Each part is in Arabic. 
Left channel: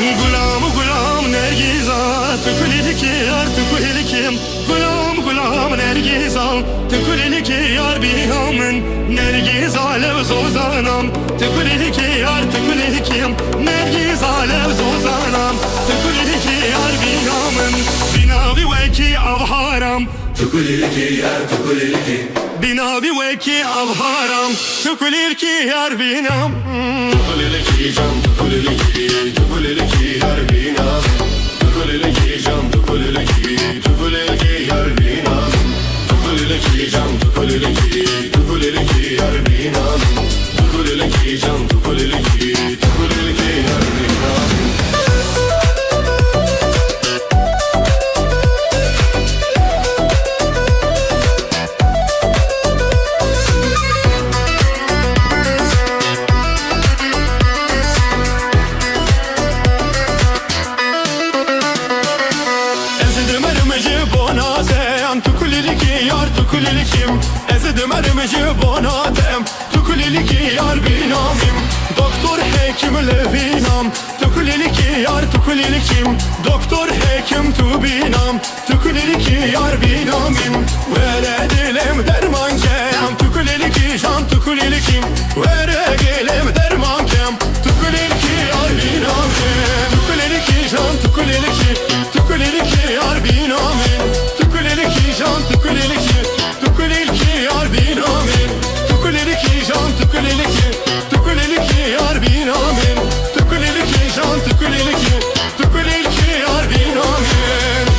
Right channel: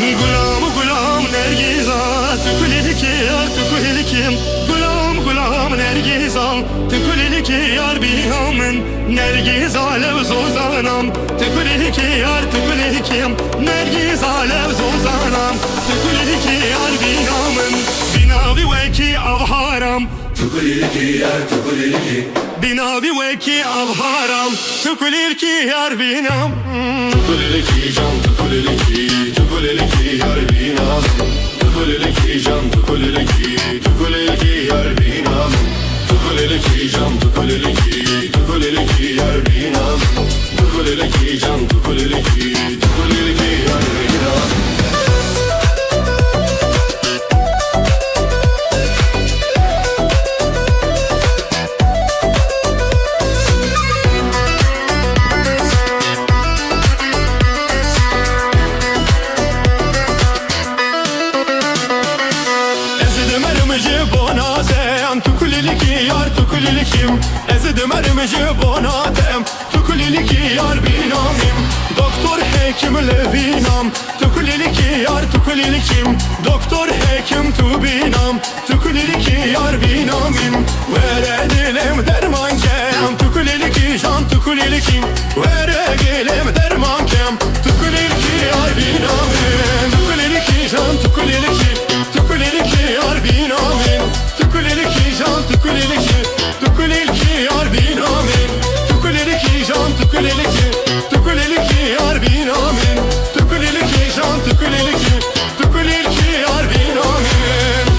Gulam gulam nergiza Tükuliliki yar tükulikim Gulam gulam nergiza Tükuliliki yar bihamın Nergiza levz ozanam Tükuliliki yar tükulikim Nergiza levz ozanam Tükuliliki yar bihamın Binavi veki avharam Tükuliliki yar tükuliliki Binavi veki avharam Tükuliliki yar binam Tükuliliki cam tükuliliki Tükuliliki yar binam Tükuliliki cam tükuliliki Tükuliliki yar binam Tükuliliki cam tükuliliki Tükuliliki yar binam Tükuliliki cam tükuliliki Tükuliliki yar binam Tükulilikim Ezidim erimeci bonatem Tükuliliki yar binamim Doktor hekim levinam Tükuliliki yar tükulilikim Doktor hekim tu binam Tükuliliki yar binamim Vere dilim derman kem Tükuliliki can tükulilikim Vere dilim derman kem Tükuliliki yar binamim Tükuliliki can tükuliliki Tükuliliki yar binamim Tükuliliki can tükuliliki Tükuliliki yar binamin Tükuliliki can tükuliliki Tükuliliki yar binamin Tükuliliki can tükuliliki Tükuliliki yar binamin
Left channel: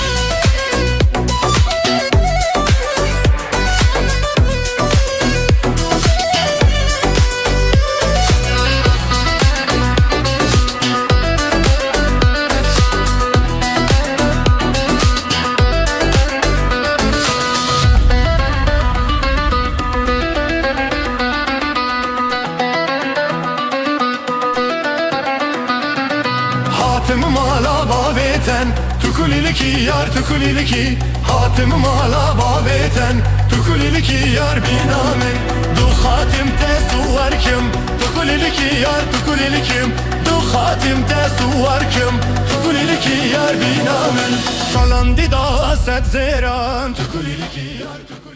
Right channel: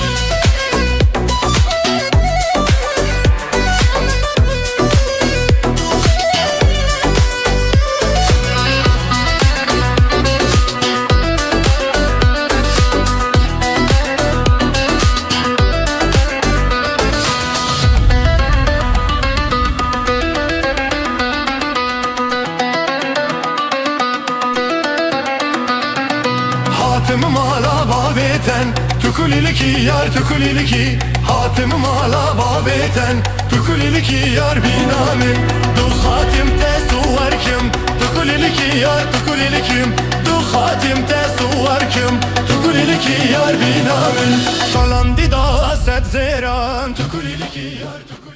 Hatımım ala babeten Tükuliliki yar tükuliliki Hatımım ala babeten Tükuliliki yar binamin Du hatimte suvarkim Tükuliliki yar tükulilikim Du hatimte suvarkim Tükuliliki yar binamin Kalan dida set zeran Tükuliliki yar tükuliliki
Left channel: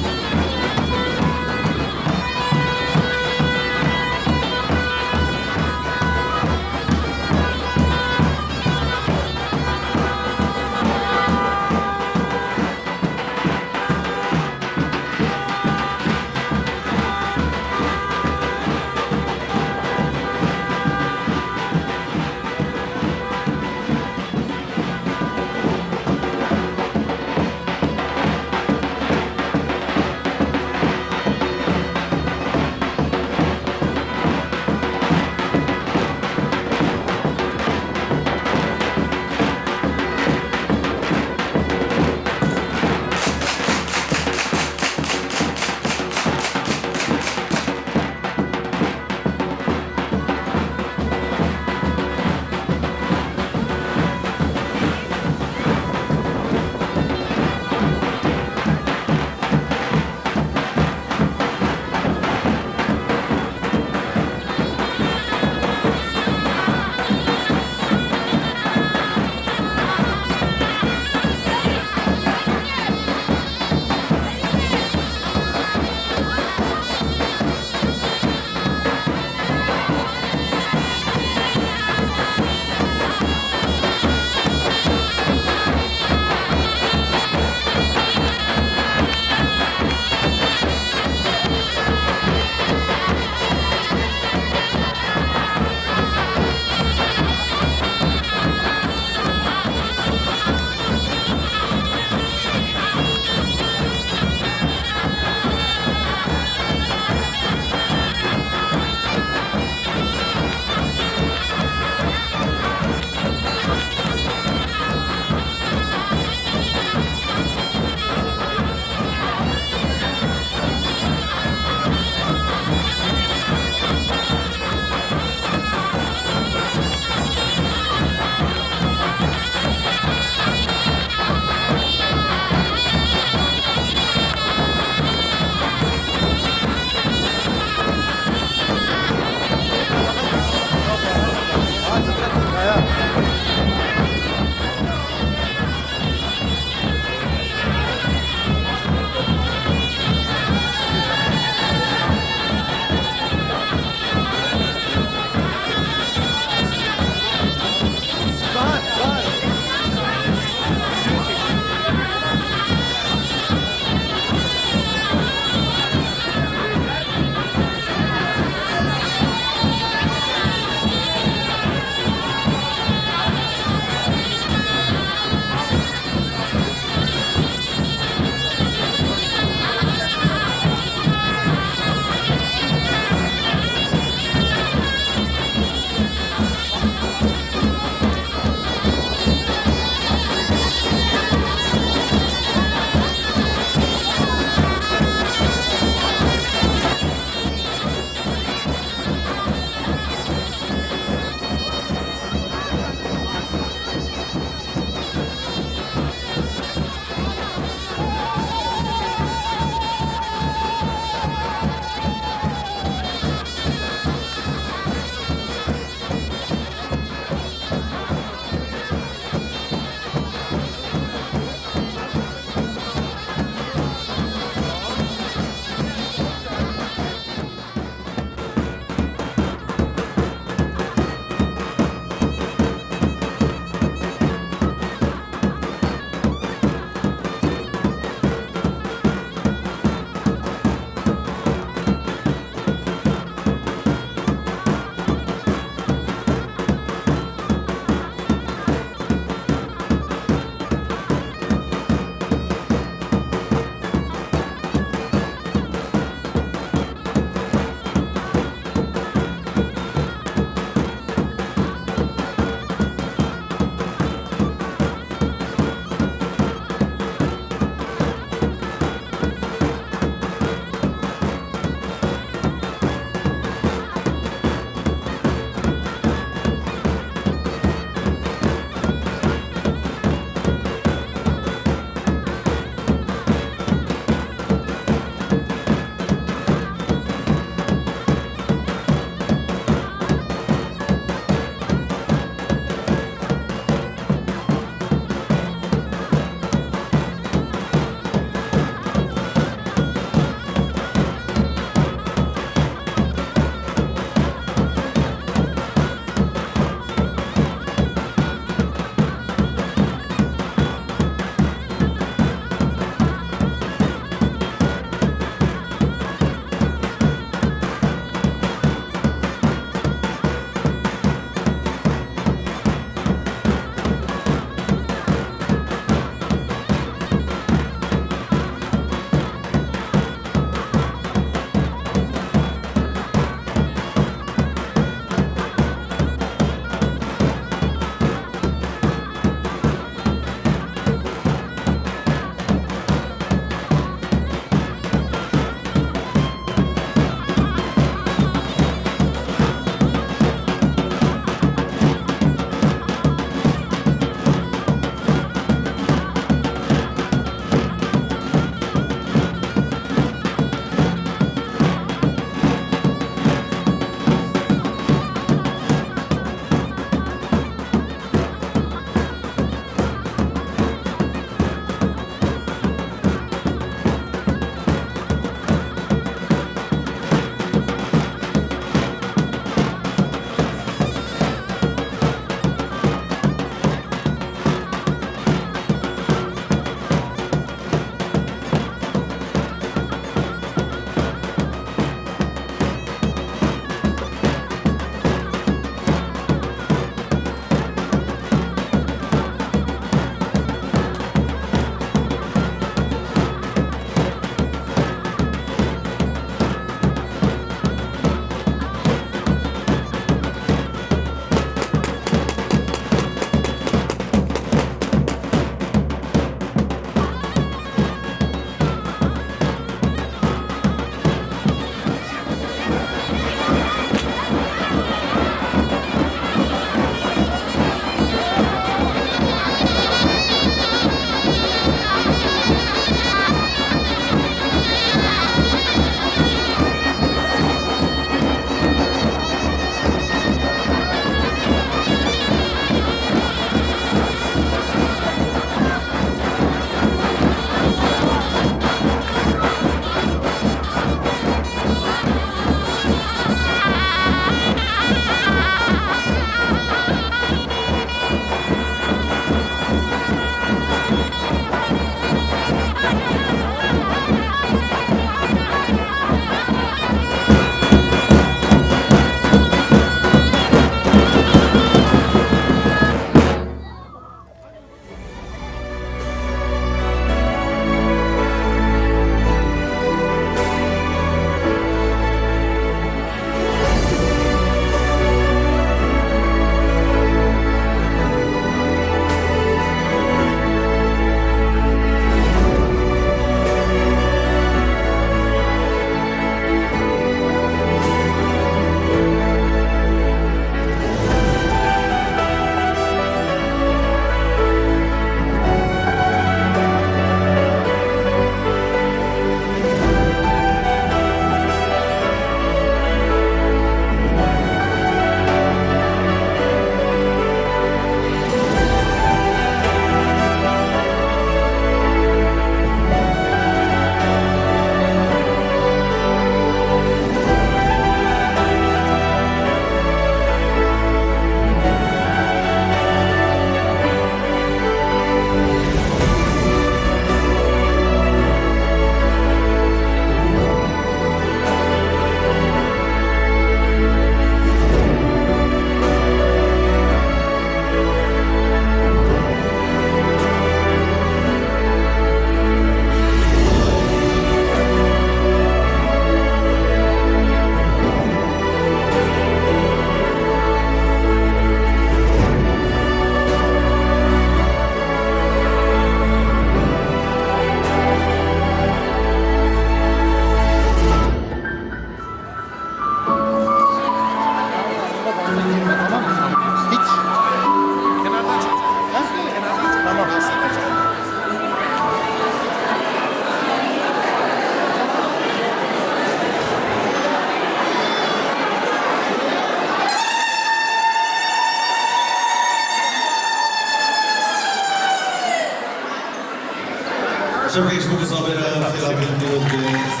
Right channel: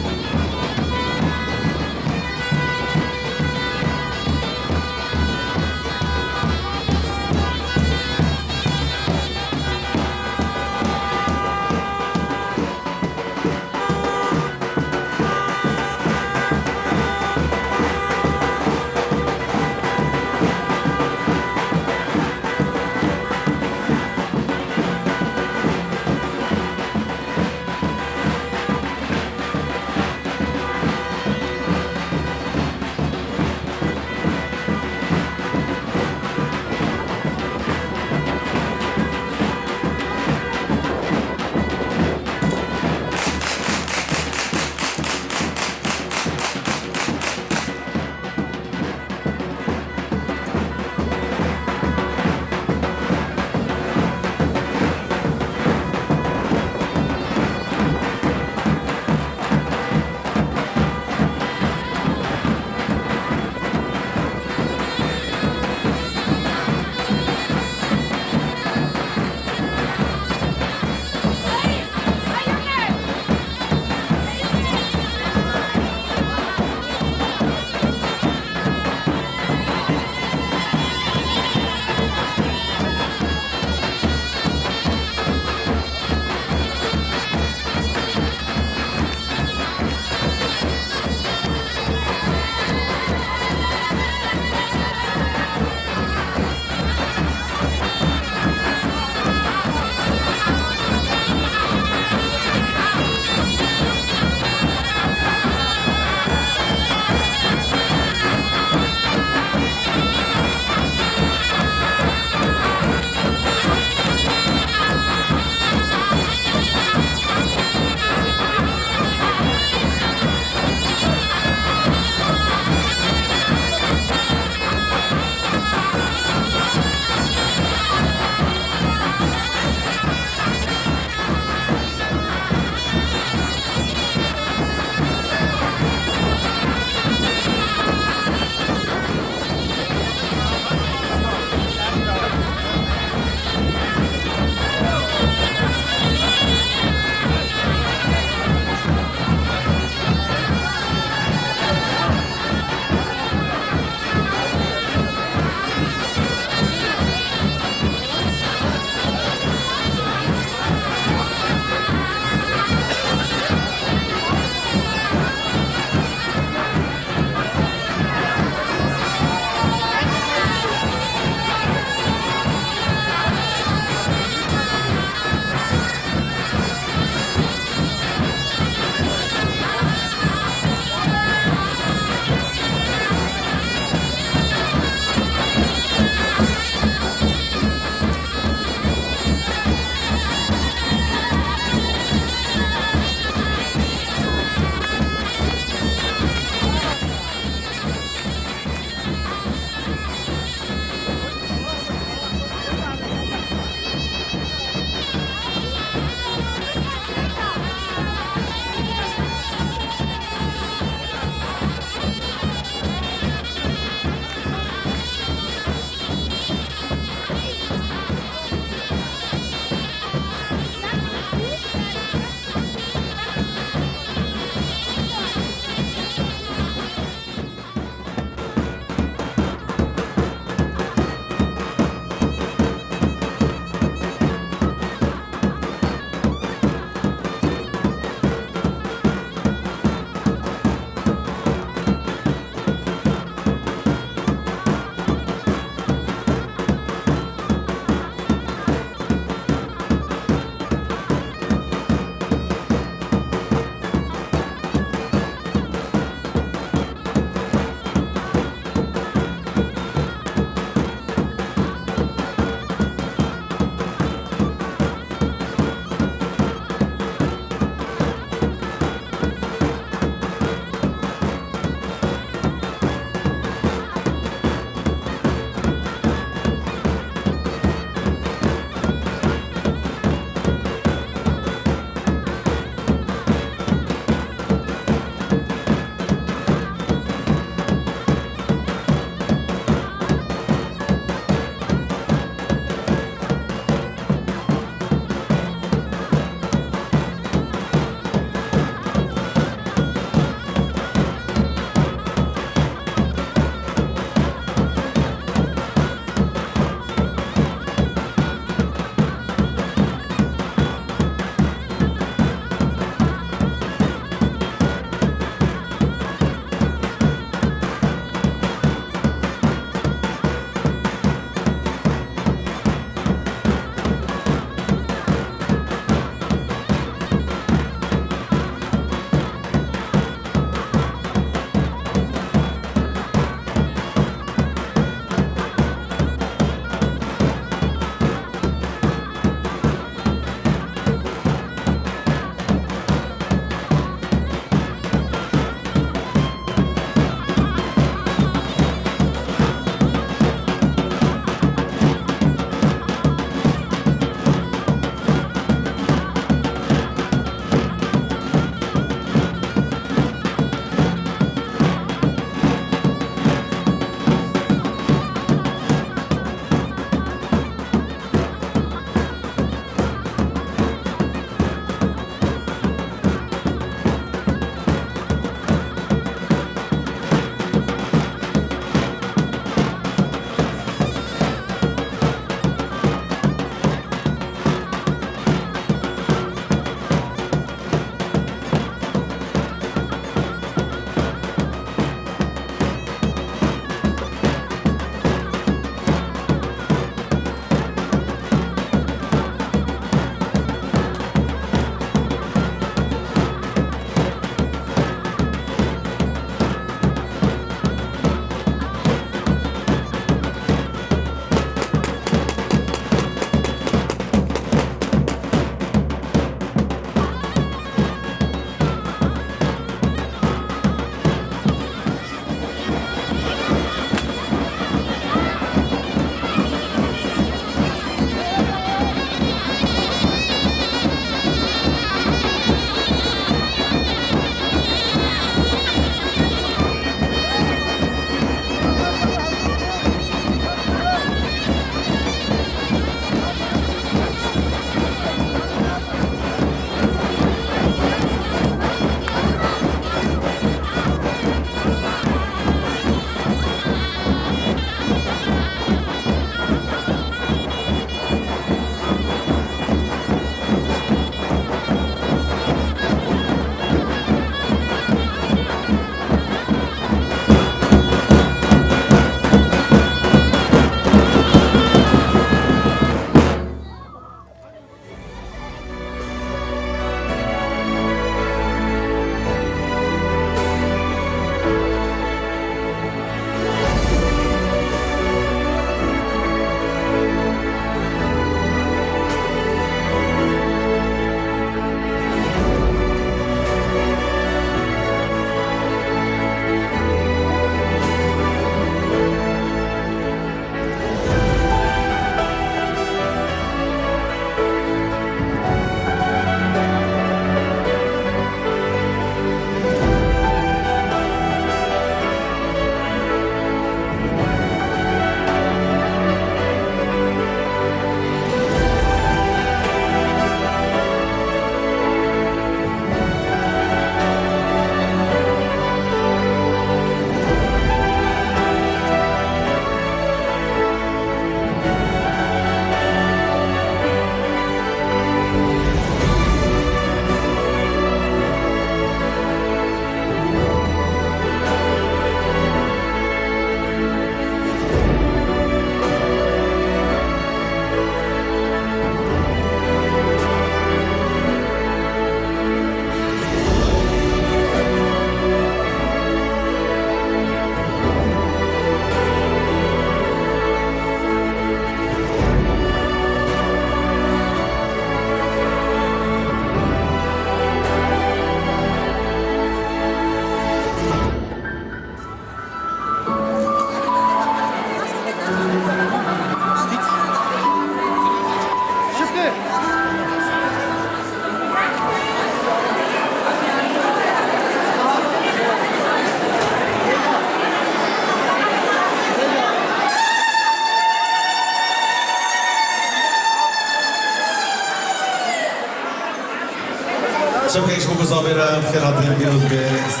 J'aimerais que je vous enverrai la vidéo de...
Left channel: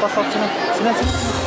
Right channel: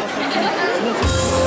Passa, silêncio.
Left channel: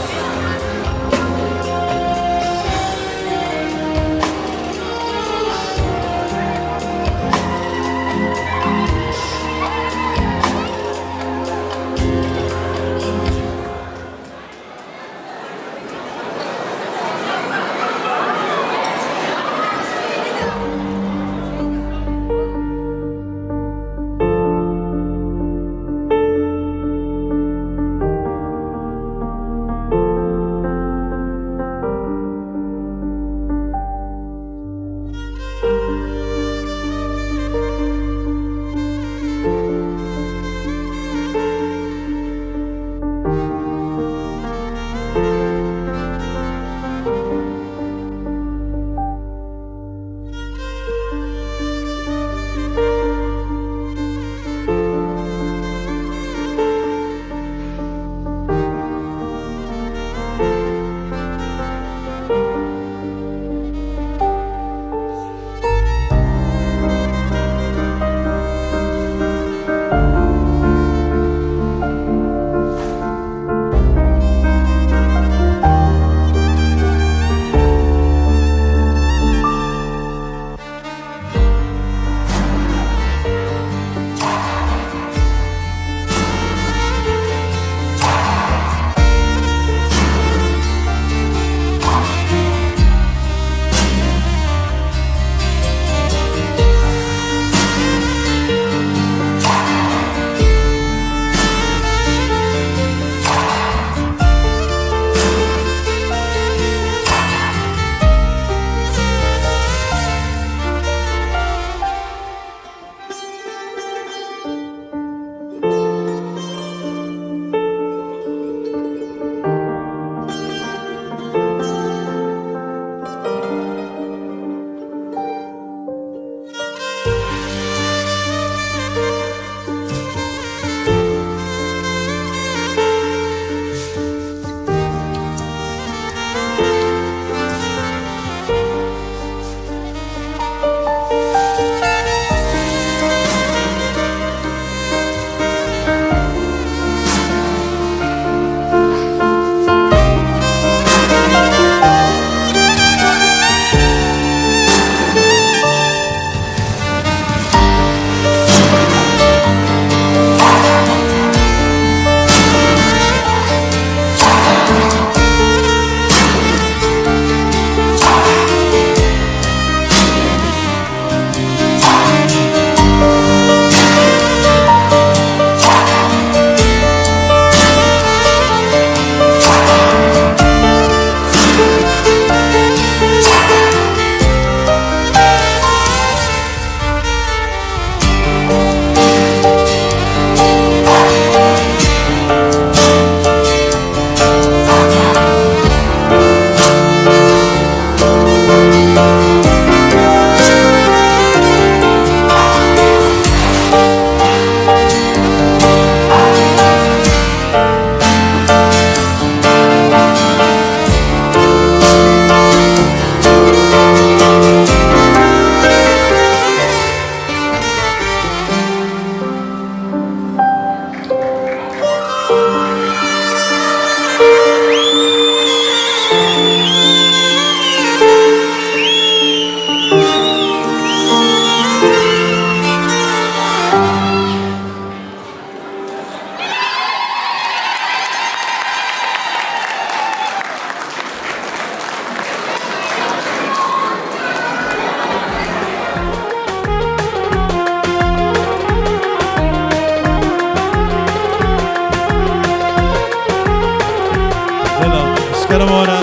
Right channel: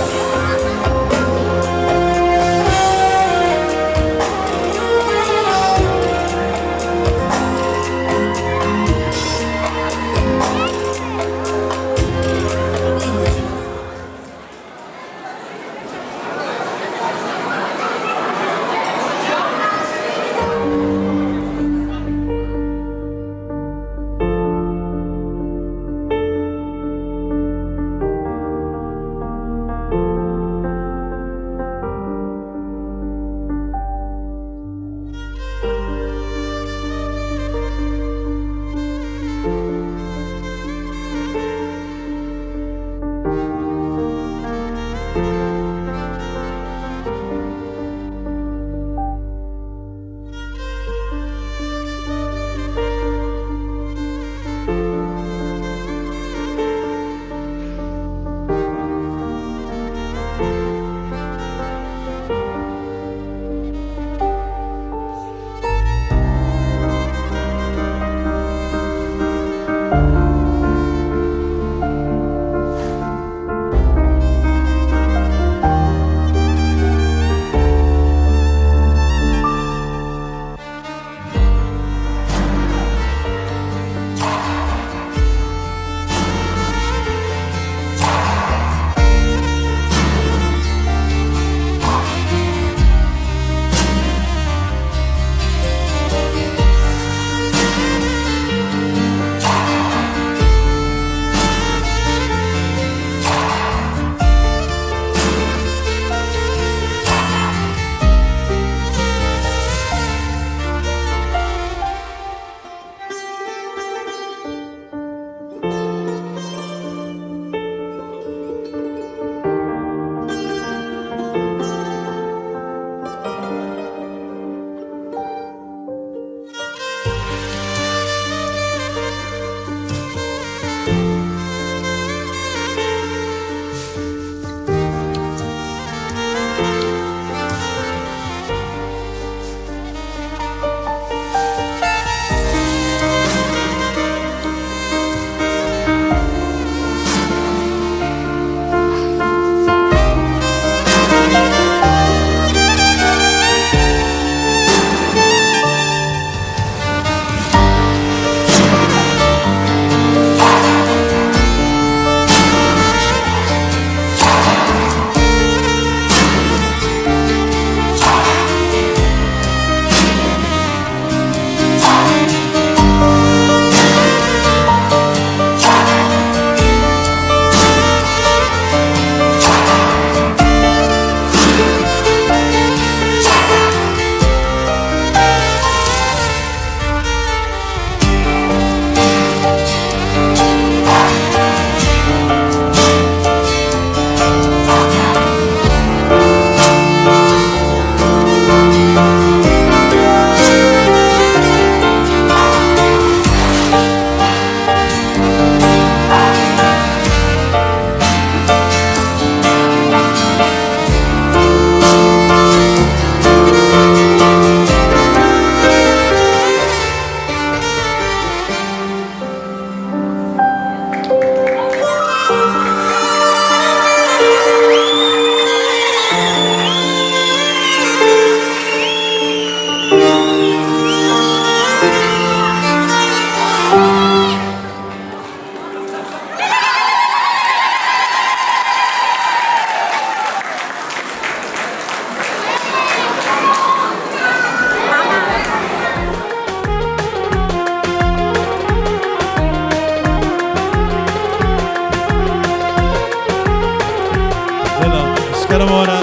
کرمانه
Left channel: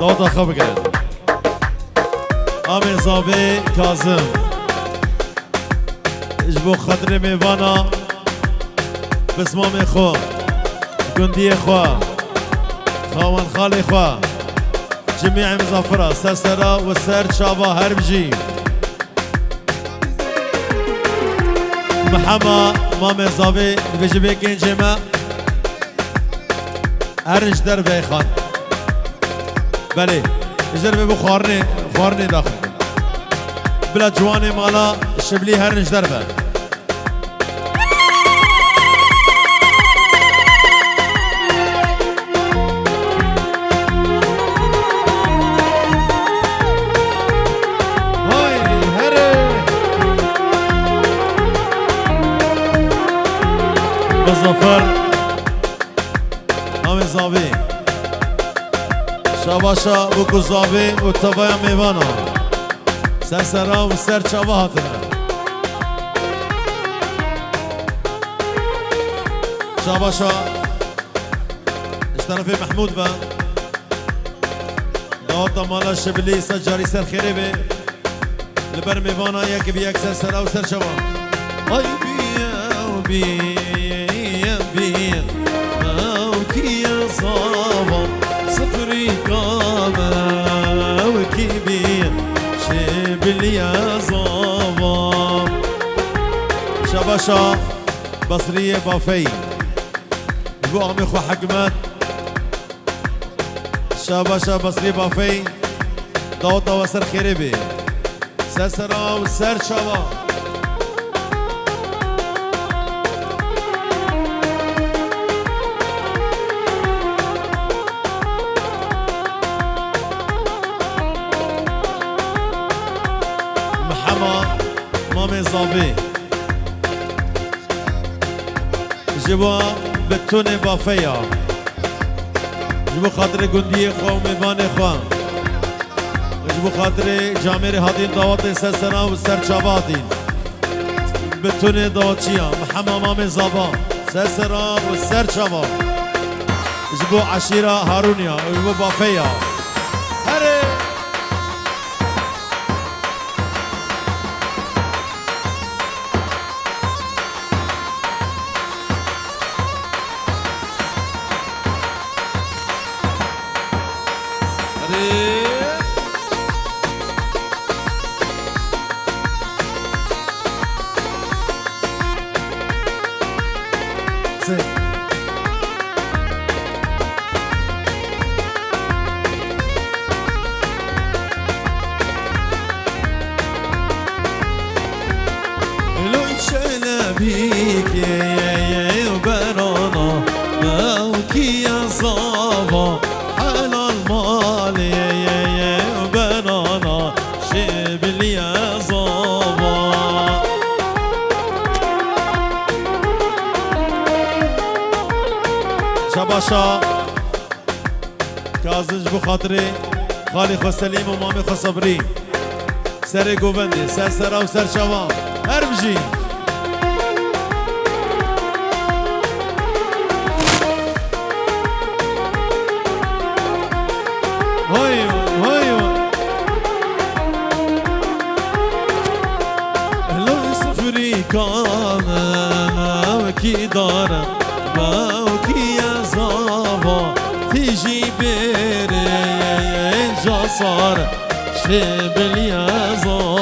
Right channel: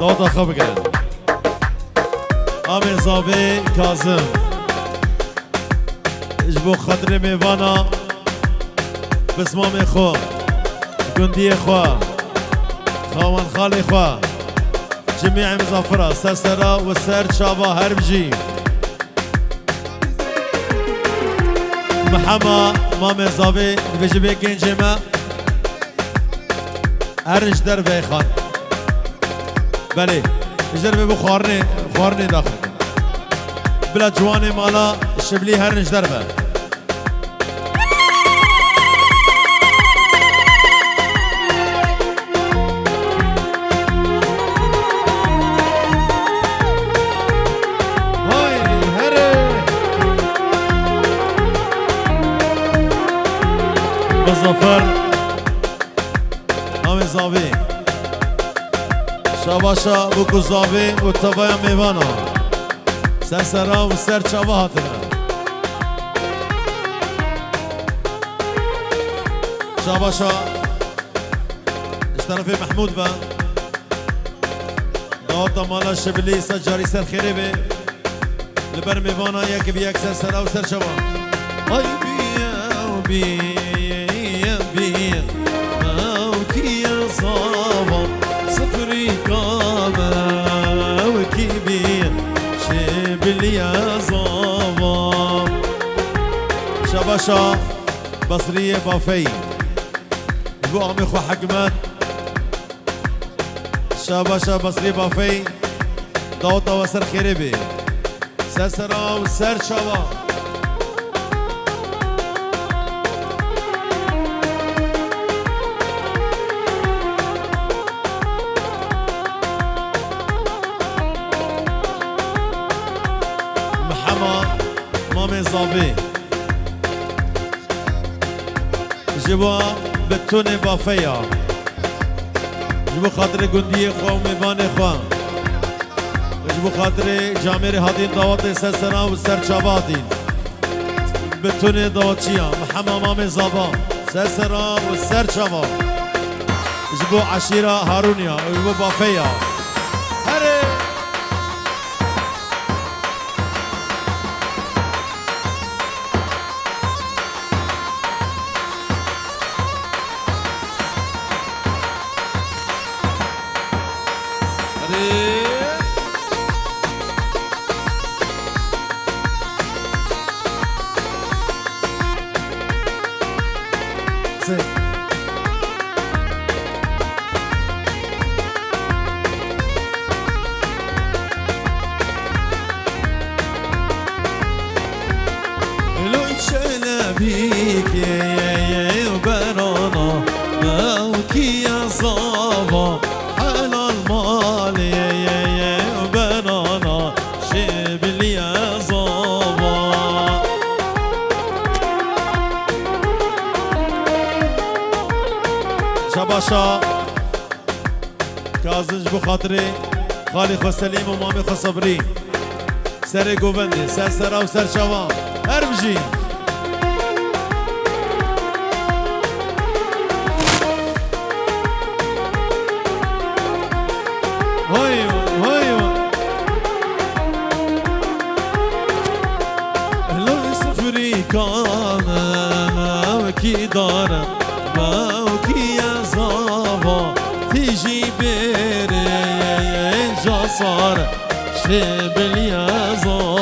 دادا خواب کرد آمین زابه کازم اجبو خطر میوانا بسمام خوا گندی خوا خواهان خال خوا جميع مظفرة سرسرة والسر شابا هربجي محمد مامي زاوي بجيبي كنجمة هرنج دربي خان بله اجربي بو خوارني داخل بلا جواني مالا شبلي هرنج دربه مظفر همه زاوی شاباشا بکو زاوی و تبایا میوانا سر سرا و سر چاوا هاتنه شاباشا اشترفی محمود با داوتا مالا شبلی سجاری سر خیره بی لبر میوانا یکی بی یک سر سرا و سر چاوا آی بیا و بیا صفري قامة وكبير شبل يا زوام شباشا بصرية بافي بو عمي خو حكمت شباشا بصرية بافي داوطا وسر خيربي سرسرا وسر شبا مامي زابي جبوا بتوني بافيا جبوا خاطر قندية خواه وميباني خواه جبوا خاطر جاميري هادين داواتي سرسنا وسر شاباتين بتوني داواتشيا محمد مامي زابا سرسنا وسر شابا جبوا عشيرة هارونيا وجبوا بافيا هري بيك يا وبرانا موكي يا صابا حلال مال يا وبرانا شبل يا صابا شباشا كازنج بخاطري خالي خو سليم ومامي خو صبري سري قوبندي سر سرا وسر شوام هربجي كانا وكي دارا وكي يا زابا تيجي بيري جاسار شبل يا زابا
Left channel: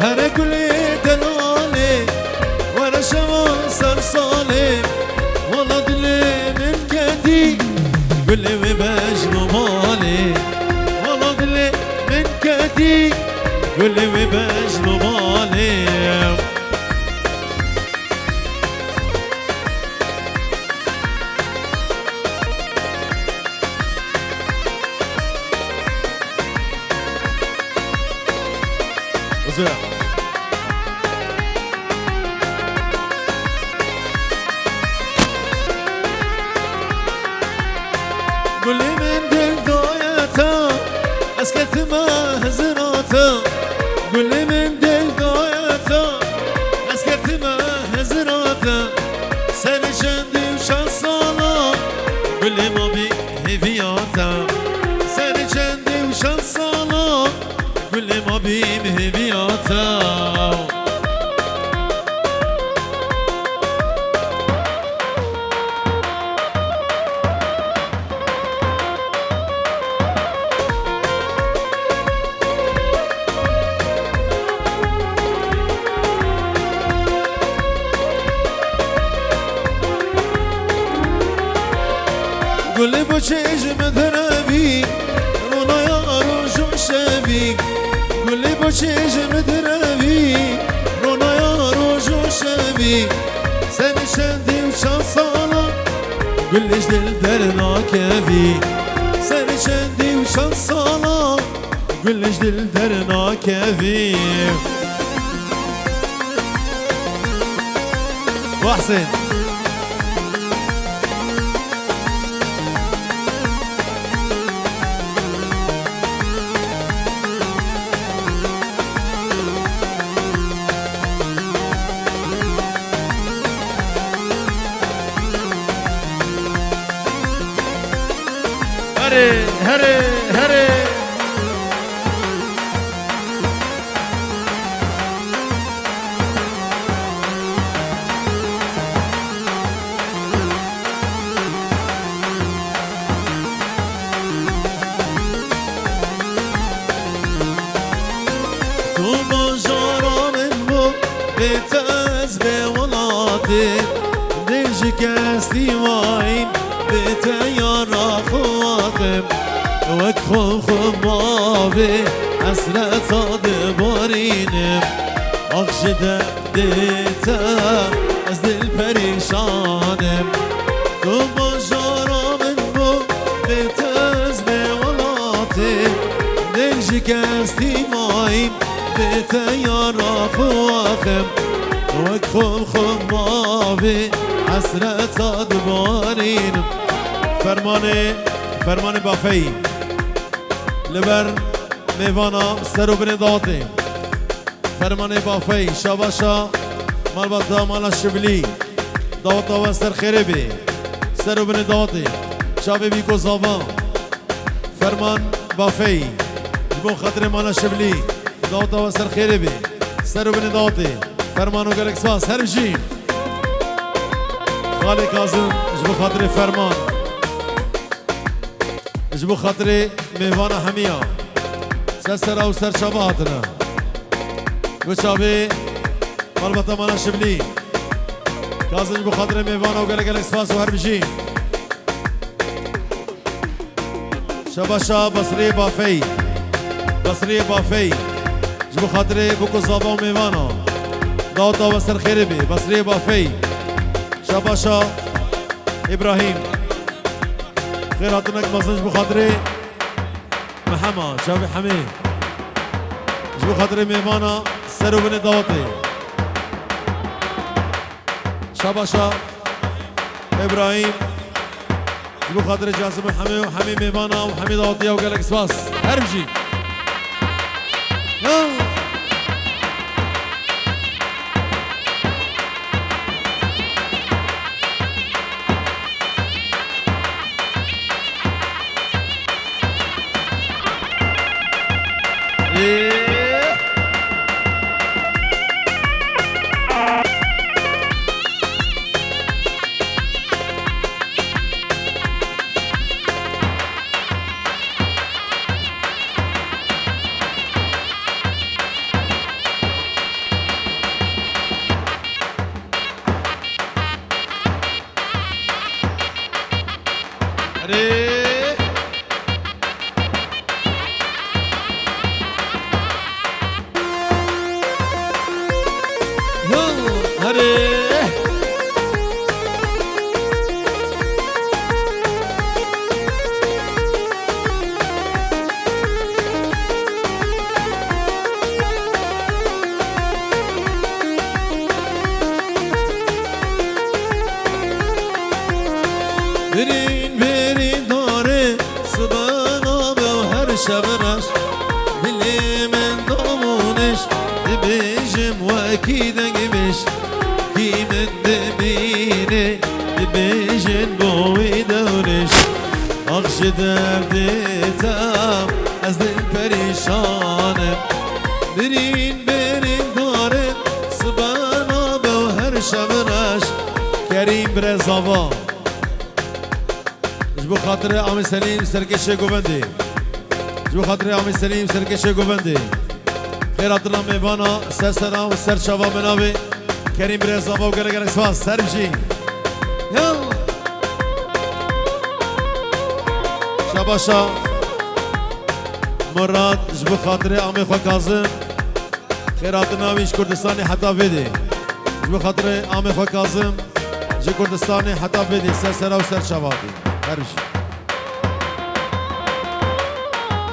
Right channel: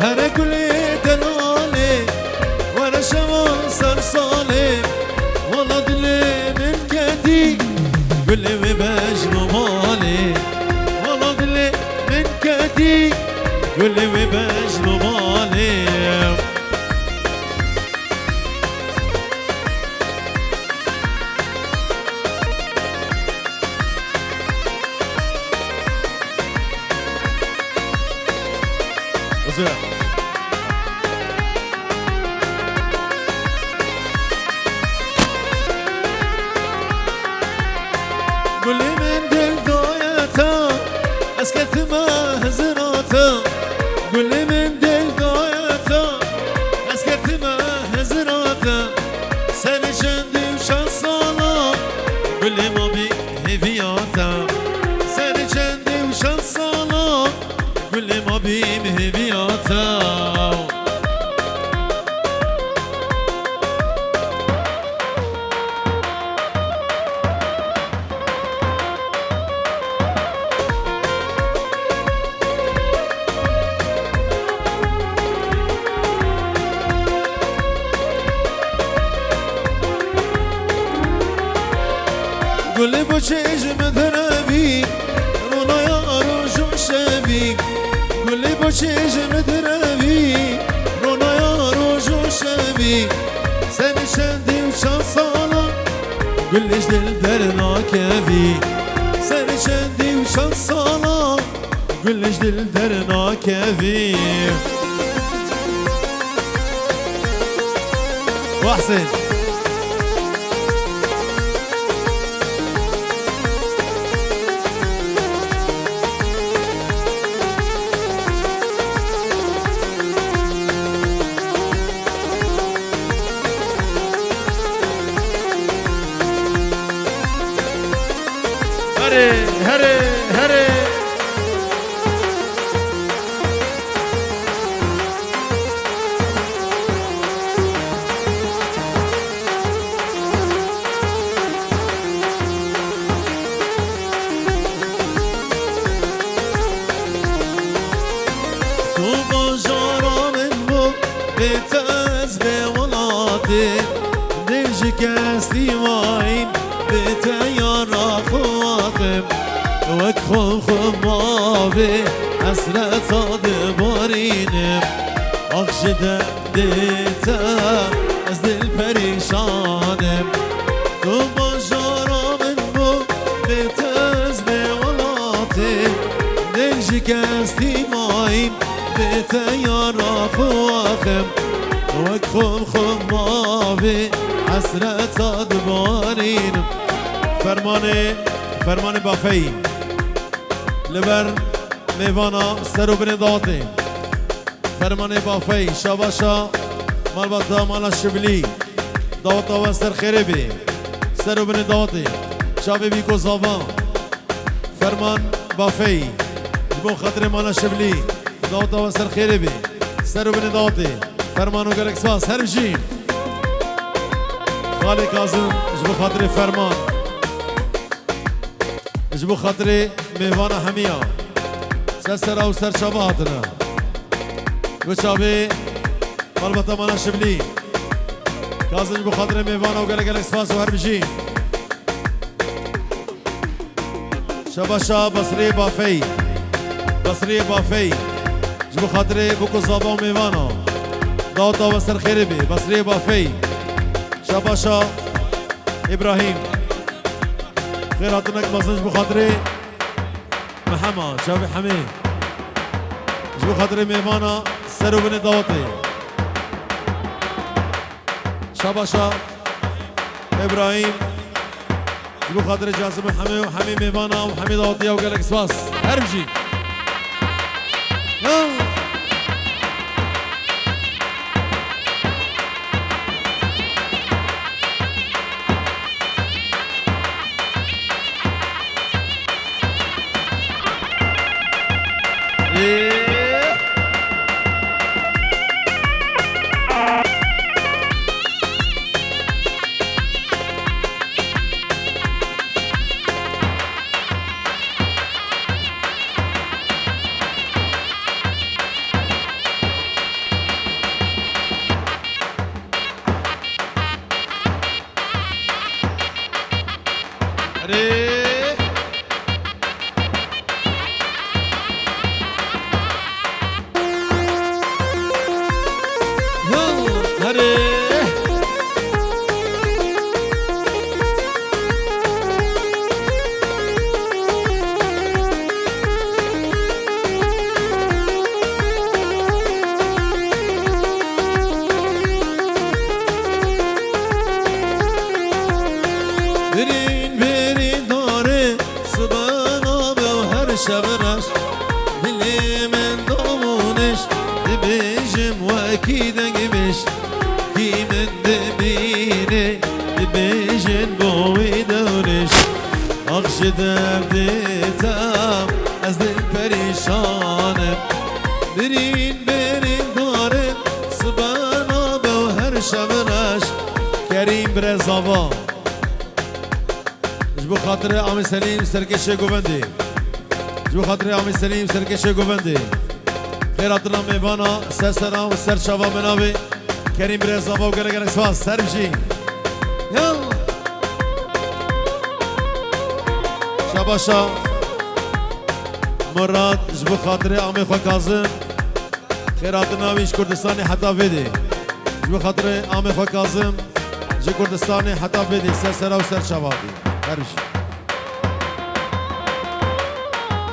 هر گلی دلاله ور شما سر ساله والا دل من کدی گلی و بجنو ماله والا دل من کدی گلی و بجنو ماله قولي من دل دايتا اسكت ما هزراتا قولي من دل دايتا اسكت ما هزراتا گل ما بی هیویاتا سر چندی و شان سالا گل ما بی هیویاتا گل با چشم دربی رونا یارو شوشبی گل با چشم دربی رونا یارو شوشبی سن چندی و چند سالا گلش دل در ناکوی سن چندی و چند سالا گلش دل در ناکوی و حسین هره هره هره تو بجارا من بو بتاز بولاتي ديج كاستي واين بتيارا خواتم وكخو خمابي حسرة صاد بارينم أخشد ديتا از دل پریشانم تو بجارا من بو بتاز بولاتي دل شکستی مایم بتیارا خواخم وکخم خمابی حسرت دبارینم فرمان بافی لبر میوانا سرو بین داتی فرمان بافی شاباشا مال بطا مالا شبلی داوتا و سر خیره بی سرو بین داتی شابی بی گزاوان فرمان بافی جبو خاطر مالا شبلی داوتا و سر خیره بی سرو بین داتی فرمانو گلک سواس هر بجیم خالی کازم جبو خاطر فرمان جبو خاطر میوان همیا سر او سر شابه هاتنا گوچابه مالبتا مالا شبلی کازم جبو خاطر میوان و گلک سواس و هر بجیم شاباشا بصری بافی بصری بافی جبو خاطر بوکو زابا و میوانا داوتا و سر خیره بی بصری بافی شاباشا ابراهیم خیر هاتونک مازن جبو خاطر محمد شابی حمی جبو خاطر میوانا سر و بین داوتی شاباشا ابراهیم جبو خاطر جاسم حمی و حمی میوانا و حمی داوتی و گلک سپاس هر بجی برین برین داره سبانا به هر شبنش دلی من دامونش دبیجم و اکیده گیمش کی من دبینه دبیجن بوی دونش دردتم از دل پریشانم برین داره سبانا به و هر شبنش کریم برزاوا جبو خاطر عام سلیم سرکش گوبندی جبو خاطر عام سلیم سرکش گوبندی خیرات الله میوانا سر سلام و سر شوا بناوی کریم برزاوا و گره سواس سر بشی یلا شباشا مراد جبو خاطر عام خو کاظم خیرات ناویش کردستانی حتا ویدی جبو خاطر عام خو کاظم جی کردستانی حتا ویدی سر سرا و سر شواتی هر بشی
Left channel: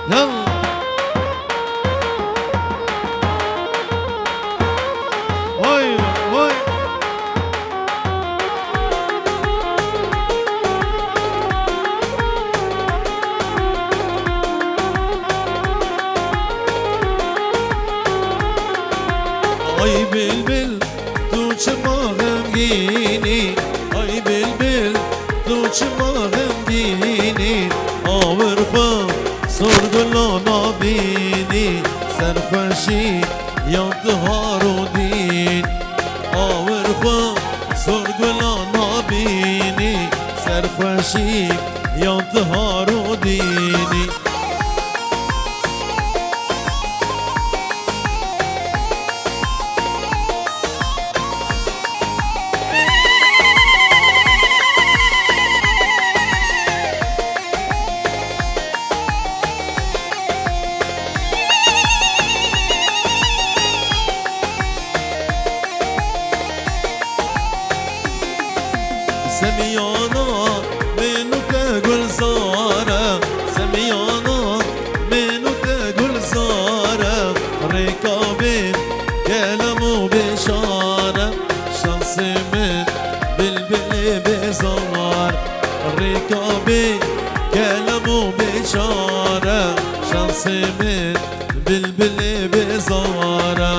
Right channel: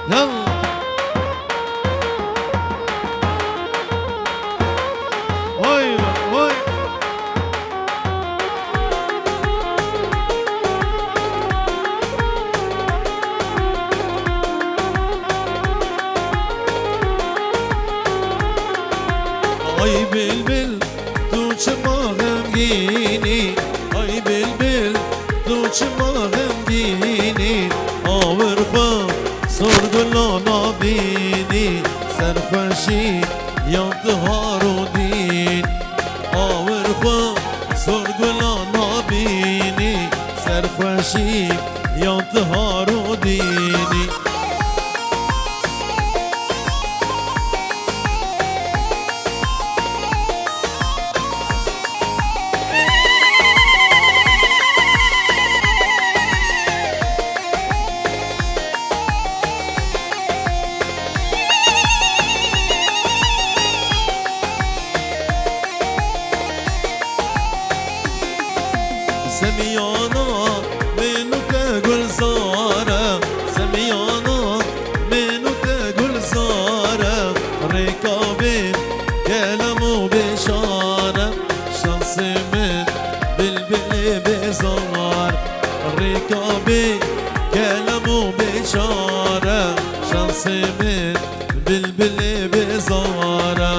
یلا وای وای ay bülbül tuçmağım giyini ay bülbül tuçmağım giyini avırfa sorgulana beni serfeşi yandı harudin avırfa sorgulana beni serfeşi yandı harudini سميانا منك گلزاره سميانا منك گلزاره رکابی کلم و بشاره شانس من بلبل بزار رکابی کلم و بشاره شانس من بلبل بزاره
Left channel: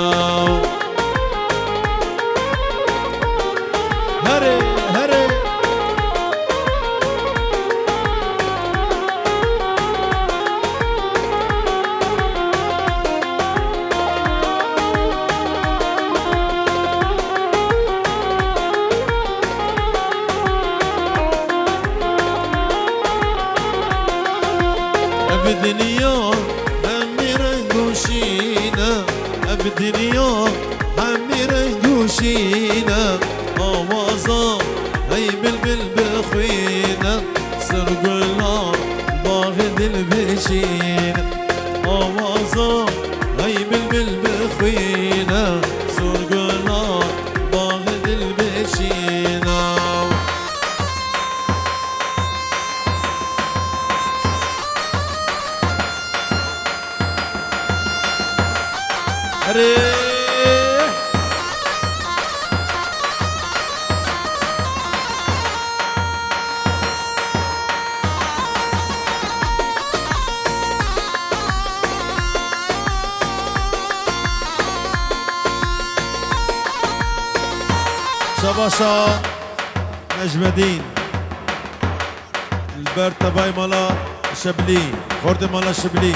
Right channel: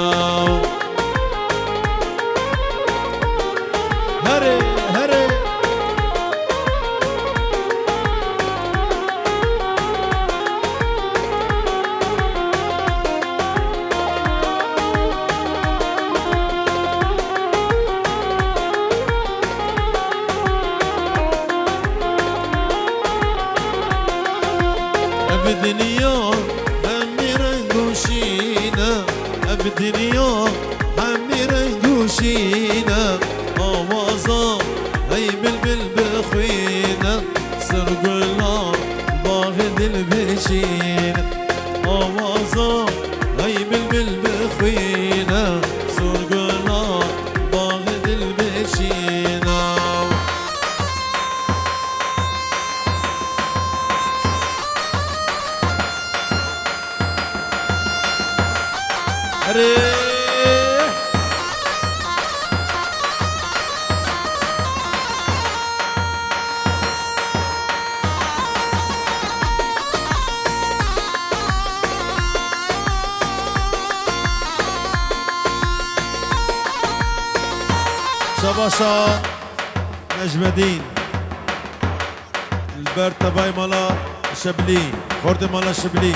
هره هره الدنيا همي رنگوشينا الدنيا همي رنگوشينا آوازا هي بلبل بخوينا سرقنا باغ دل بشينا آوازا هي بلبل بخوينا سرقنا باغ دل بشينا هري شباشا نجم الدين البرد تبعي مالا شبلي خورد مالا شبلي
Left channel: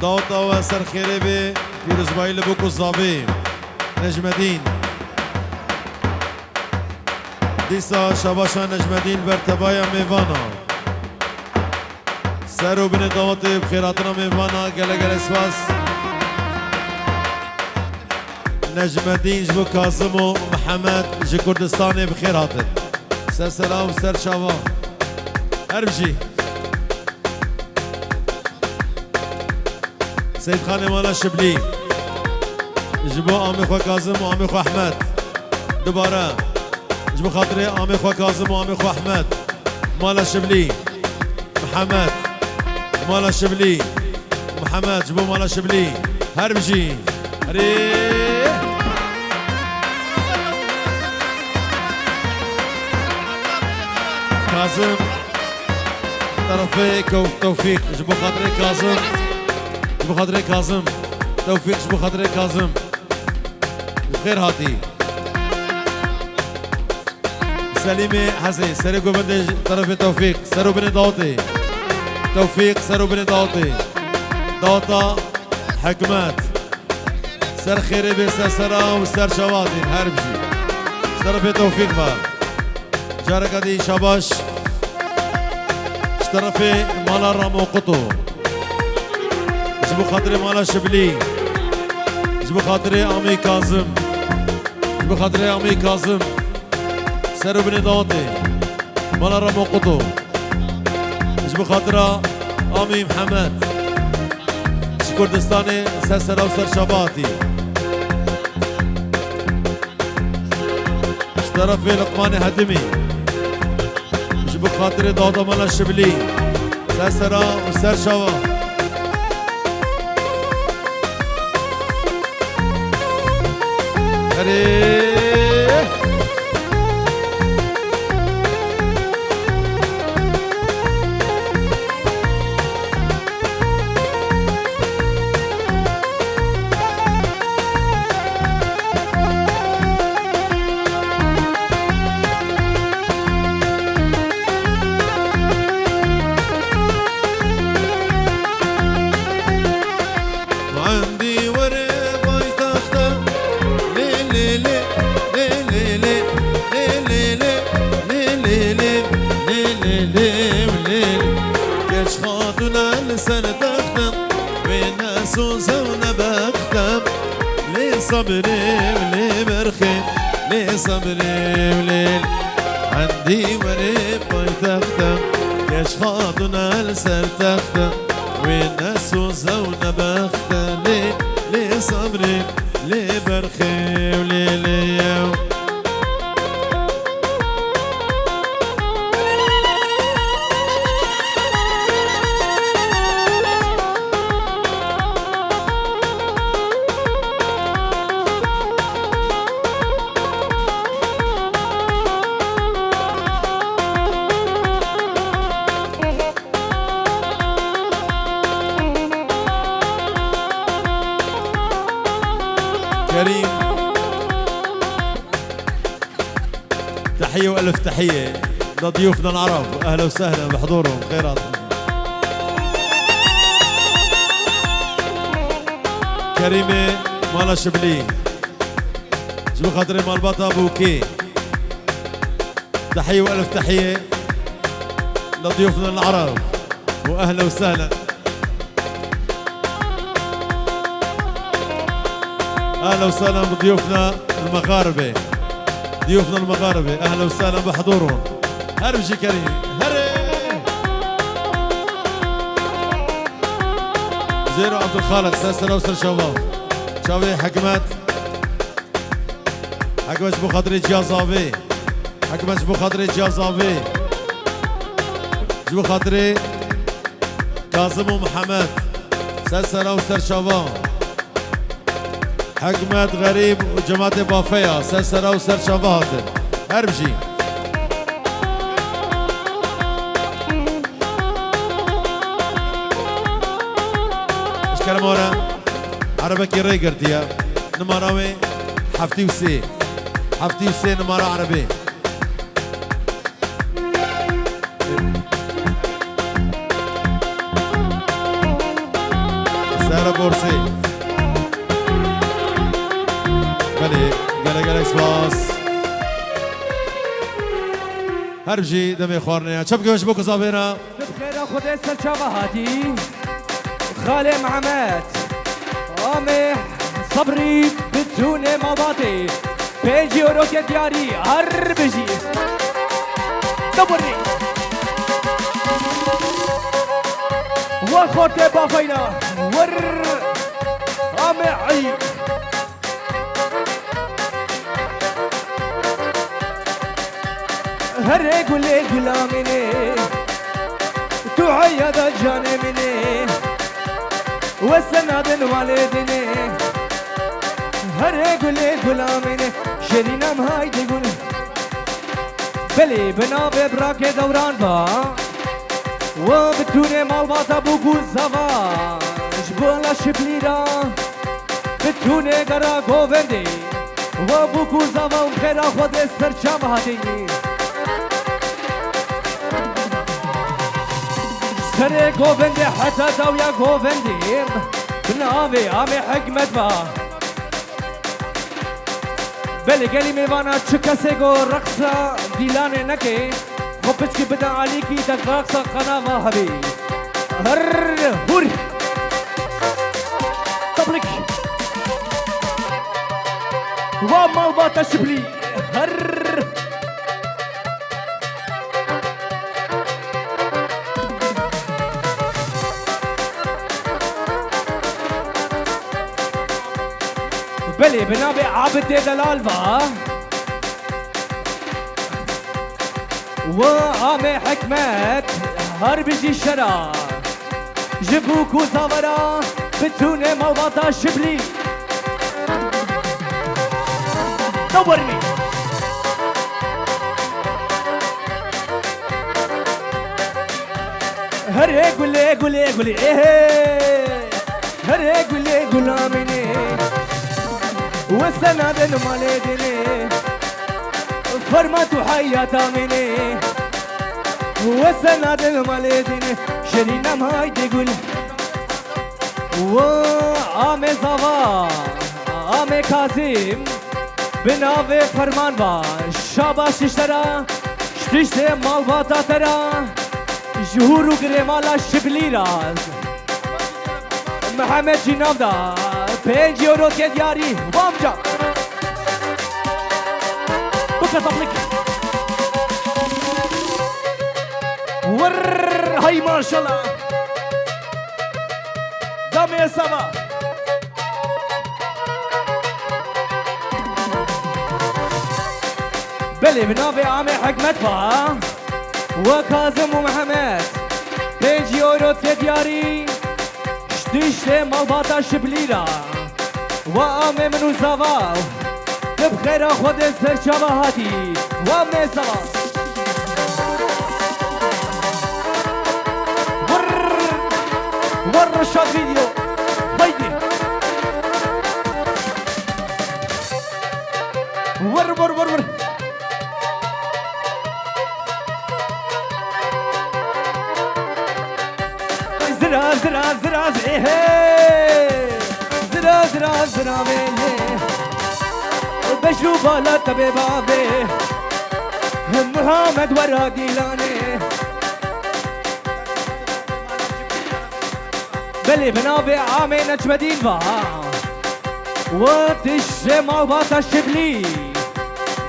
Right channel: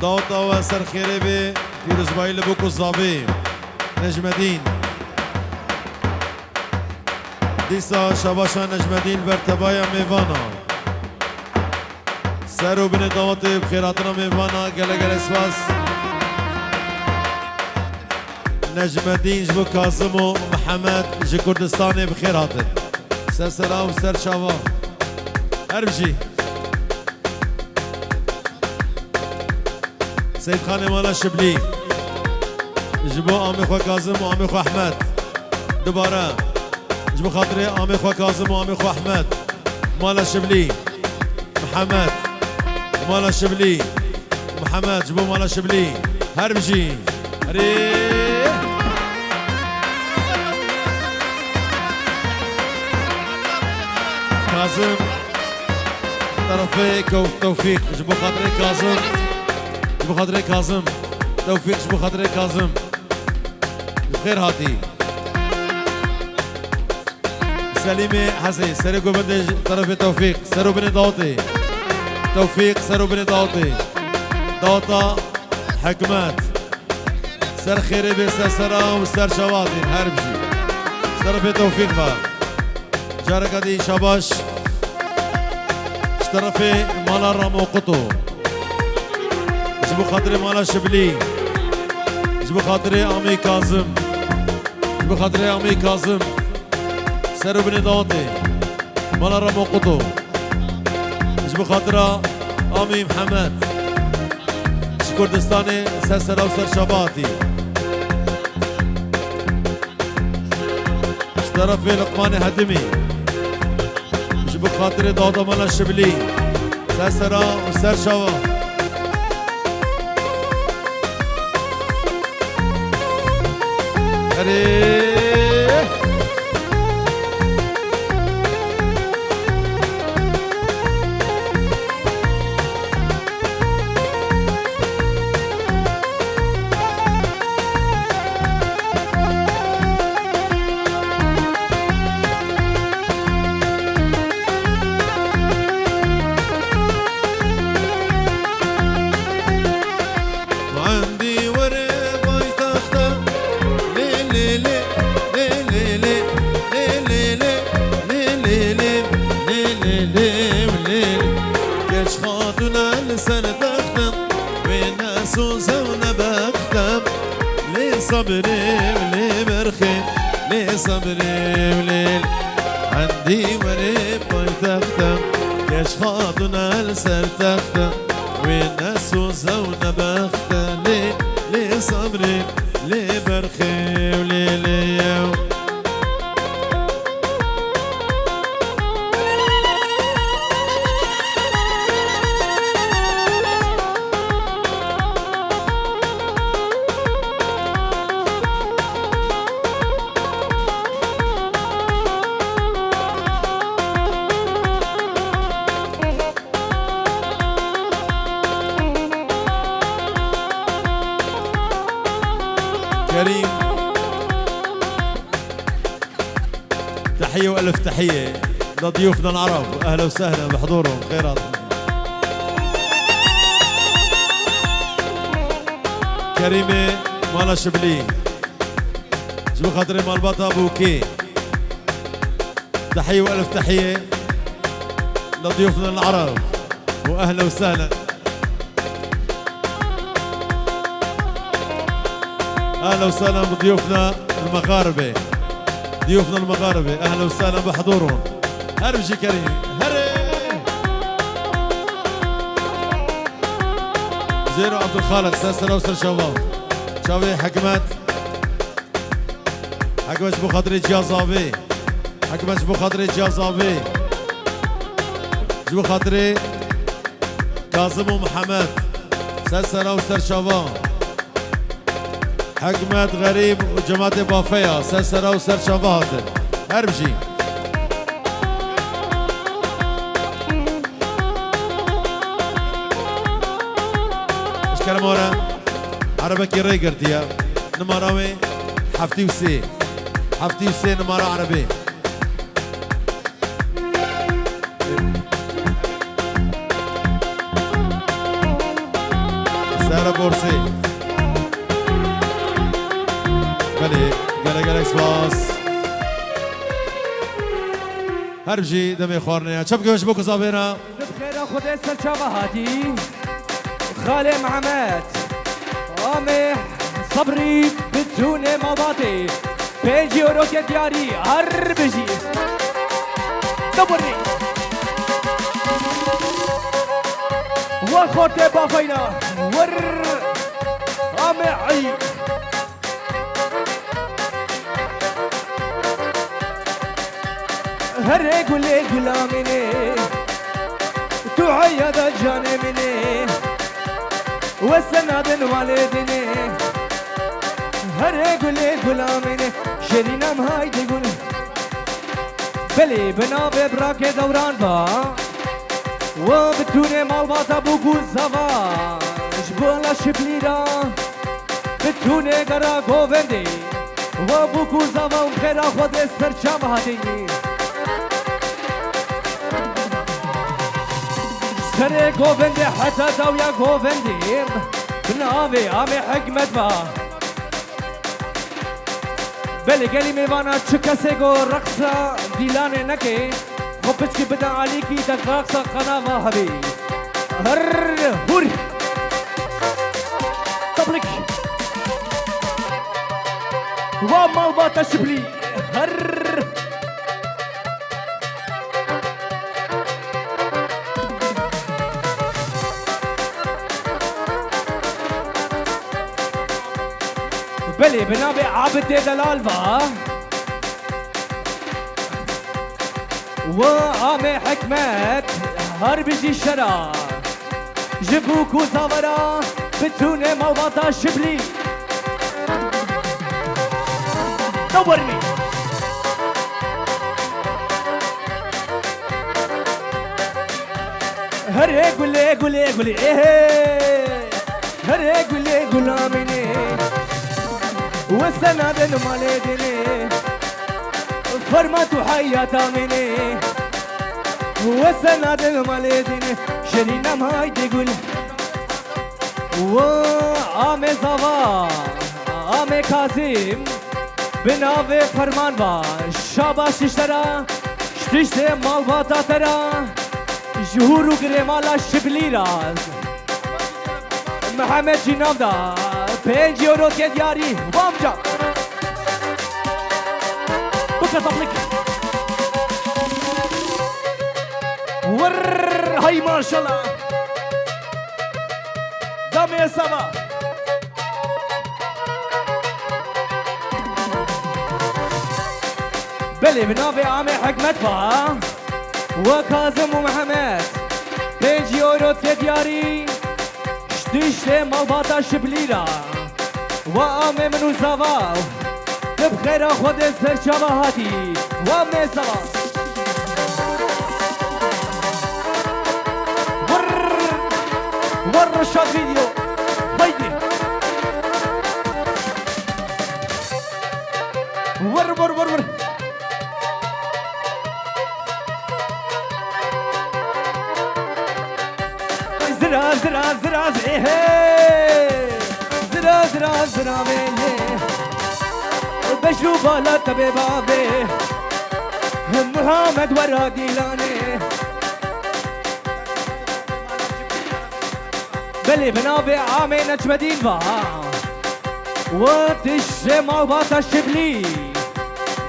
داوتا و سر خیره به پیروزبایی لبوکو زابی نجم الدین دیسا شباشا نجم الدین برتبای میوانا سر و بین داوت بخیراتنا میوانا گله گله سواس نجم الدین جبو کاظم و محمد جی کردستان بخیراتن سر سلام سر شوا هر بجی سيد خاني مالا شبلي جبو عمي خو كاظم وعمي خو احمد دوباره جبو خاطري عمي خو كاظم وعمي خو احمد مالا شبلي محمد مالا شبلي محمد جبو مالا شبلي هربجي هري كاظم طرفي توفيق جبو خاطري كاظم جبو خاطري كاظم توفيق جبو خاطري كاظم بخير هاتي سليمي حسين سري قبندي طرف توفيق سرو بن داوطي توفيق سرو بن داوطي داوطا حكمات سر خيري بسر سرا وسر شواطي هربجي طرف توفيق با جارك دي شباش اشترفي مالا رامو قطو جبو خاطري مالا شبلي جبو خاطري امي كاظم جبو خاطري امي كاظم سرو بن داوطي مالا رامو قطو جبو خاطرة امي محمد كردستاني سر وسر شباطي اشترفي لقماني هدمي جبو خاطري داوطا مالا الشبلي سر وسر شوا صبري ولي برخي لي صبري وليل عندي وريب بيتختم ياش خاطنا لسر تختم والناس وزونا بختم لي صبري لي برخي وليل كريم تحية وألف تحية لضيوفنا العرب أهلا وسهلا بحضورهم خيرات كريمة مالا شبلي جبو خاطري مال بطا بوكي تحية وألف تحية لضيوفنا العرب وأهلا وسهلا اهلا وسهلا بضيوفنا المغاربه ضيوفنا المغاربه اهلا وسهلا بحضورهم هربجي كريم هري زيرو عبد الخالق سلسله وسر شباب شباب حكمت بو خاطري جازافي حكمت بو خاطري جازافي بو خاطري كاظم ومحمد سلسله وسر شباب حكمت غريب وجماعة بافيا سلسلة وسر شبهات هربجي ايش كلمورا عربك يري قرتيا نمراوي حفتي وسي نمارا عربي سارة بورسي قال سباس هربجي دمي خوارنيا شبكي وش بوكو صابينا بخير خدي سلشابهاتي خالي محمد آمي صبري بدون مباطي بيجي وروكي دياري هربجي دبرني وخورتي بافينا ور آمي عيب هر قولي قلامني تعيد جانبني والسند والدني هر قولي قلامني شرينا مهايدي قول بلي بنا ببراك دوران با وبتوني مالباتا بوكو زوا جبولا شبليرا بتوني قرا قوفندي وبوكو زوا ومخيرا خود استرشام هاتيني سر گووندی حتی دویا گووندی بناوی آمی حکمت با بله گلی میوانا چه کسی گو رقصا دیلانه نکه خب پچکی بدا علی کی دقاقصا قناوا حبی هر هوری طبلك وما باتا شبلي هر بلي بنابي عابد دلال با وعامي حكمت هر بيجي شرا جبوكو ثورا بتوني موضوعتا شبلي دورني هري قولي قولي قولي ايه هري قولي قولا مني والسنادن مالي ديني فرماتو حياتا مني والسنادن مالي ديني شرينا ماي دي قول وآمي زوا آمي كاظم بناوي فرمان با شاباش اشترا شتشت مال باتا ترا جهورو گرمالا شبلی راز محمد جناب دا 5 یورو که دیاری بامجا بکر طبلك ور هاي ما شاء الله دامي سوا بلي بنابي عامي حكمت فا وكاظم ومحمد 5 يورو تدياري شتيشتي مالباتا شبليرا وعامي منو زوا بخير خود سر شبهاتي وعامي زوا ور رشاد فيديو هيدي ور زرا ايه زرا ميلي بشرو بالا تبي بابي محمد ورا ديلاني بلي بنابي عامي نجمدين با وتش ما باتا شبلي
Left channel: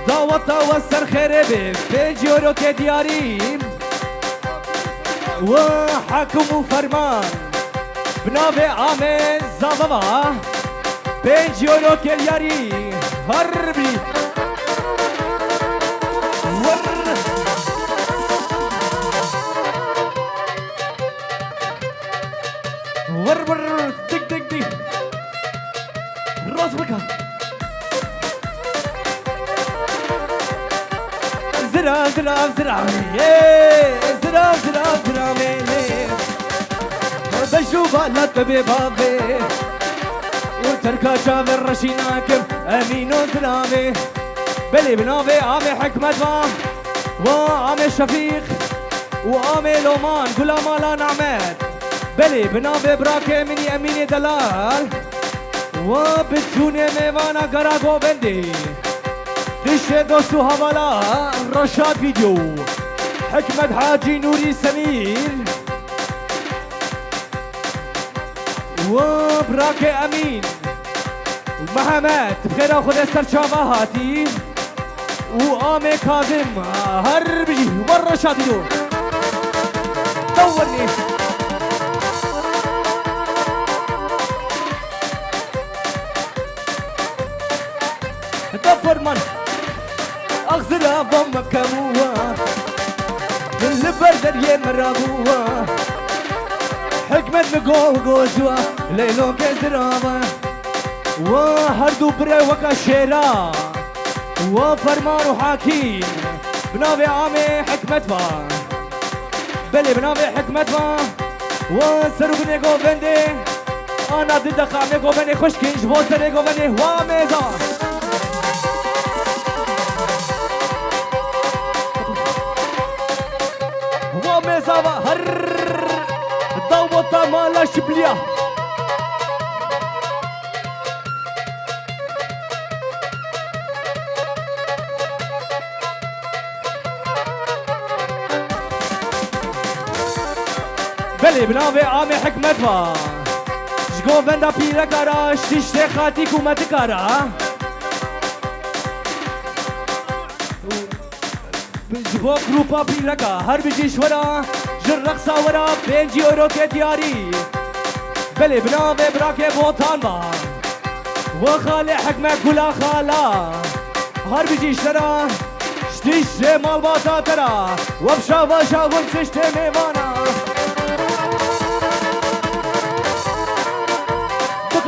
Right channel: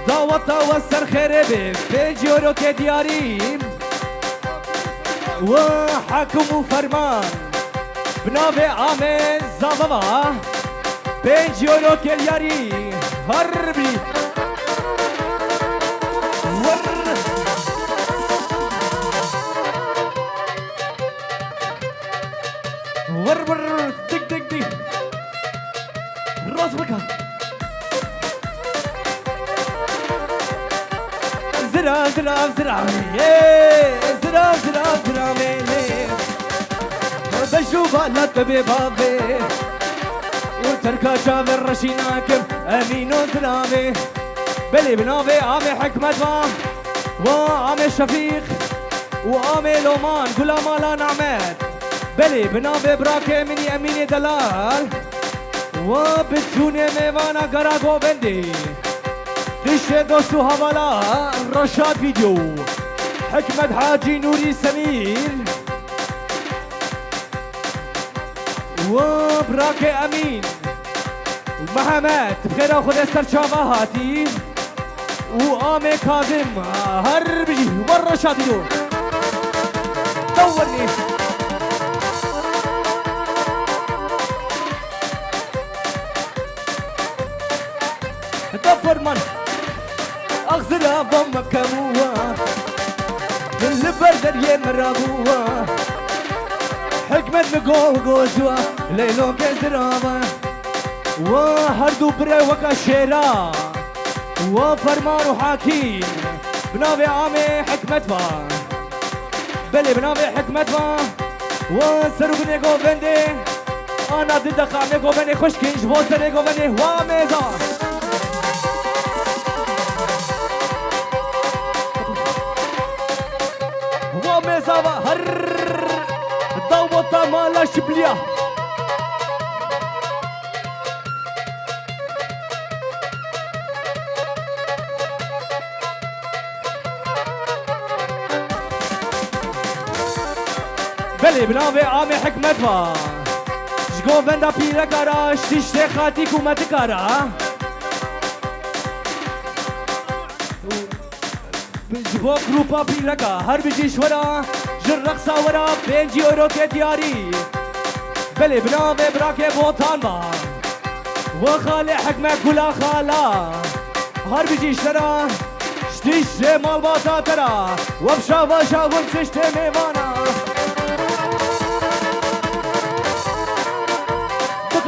دعوتا وسر خربي 5 يورو كدياري وحكم وفرمان بنابي عامي زابا 5 يورو كدياري هربي ور دق راس بكا زرا ميلي بشوفها لا تبي بابي وتركا جابر رشيناكم امين وسلامي بلي بنابي عامي حكمت وعامي شفيق وعامي لومان كل مالا نعمت بلي بنابي براكي مني اميني دلال وبتوني ميوانا قراغو بندي دشت دوستو حوالا رشاد فيديو حكمت حاجي نوري سمير وبراكي امين ومحمد بخير اخذ السرشافة هاتي وآمي كاظم هربي والرشاد فيديو دورني فرمان اغزلها ضمك كموها من البردر يمرابوها حكمت مقول قوزوا ليلو كزرابا وهردو بري وكا شيرا وفرمان وحاكيم بنابي عامي حكمت با بلي بنابي حكمت با وسرو بني قوفندي انا ضد خامي قوفندي خشكينش بوسري قوفندي واميزا ومزاوا هر بله بناوه آمه حکمت با جگو بنده پیره کارا شتیشته خاطی کومت کارا جبو گروپا پیره کا هر بجیش ورا جر رقصا ورا 5 یورو که دیاری بله بناوه براکه بوتان با و خاله حکمه کلا خالا هر بجیش ترا شتیشته مال باتا ترا و بشا باشا ورچشته میوانا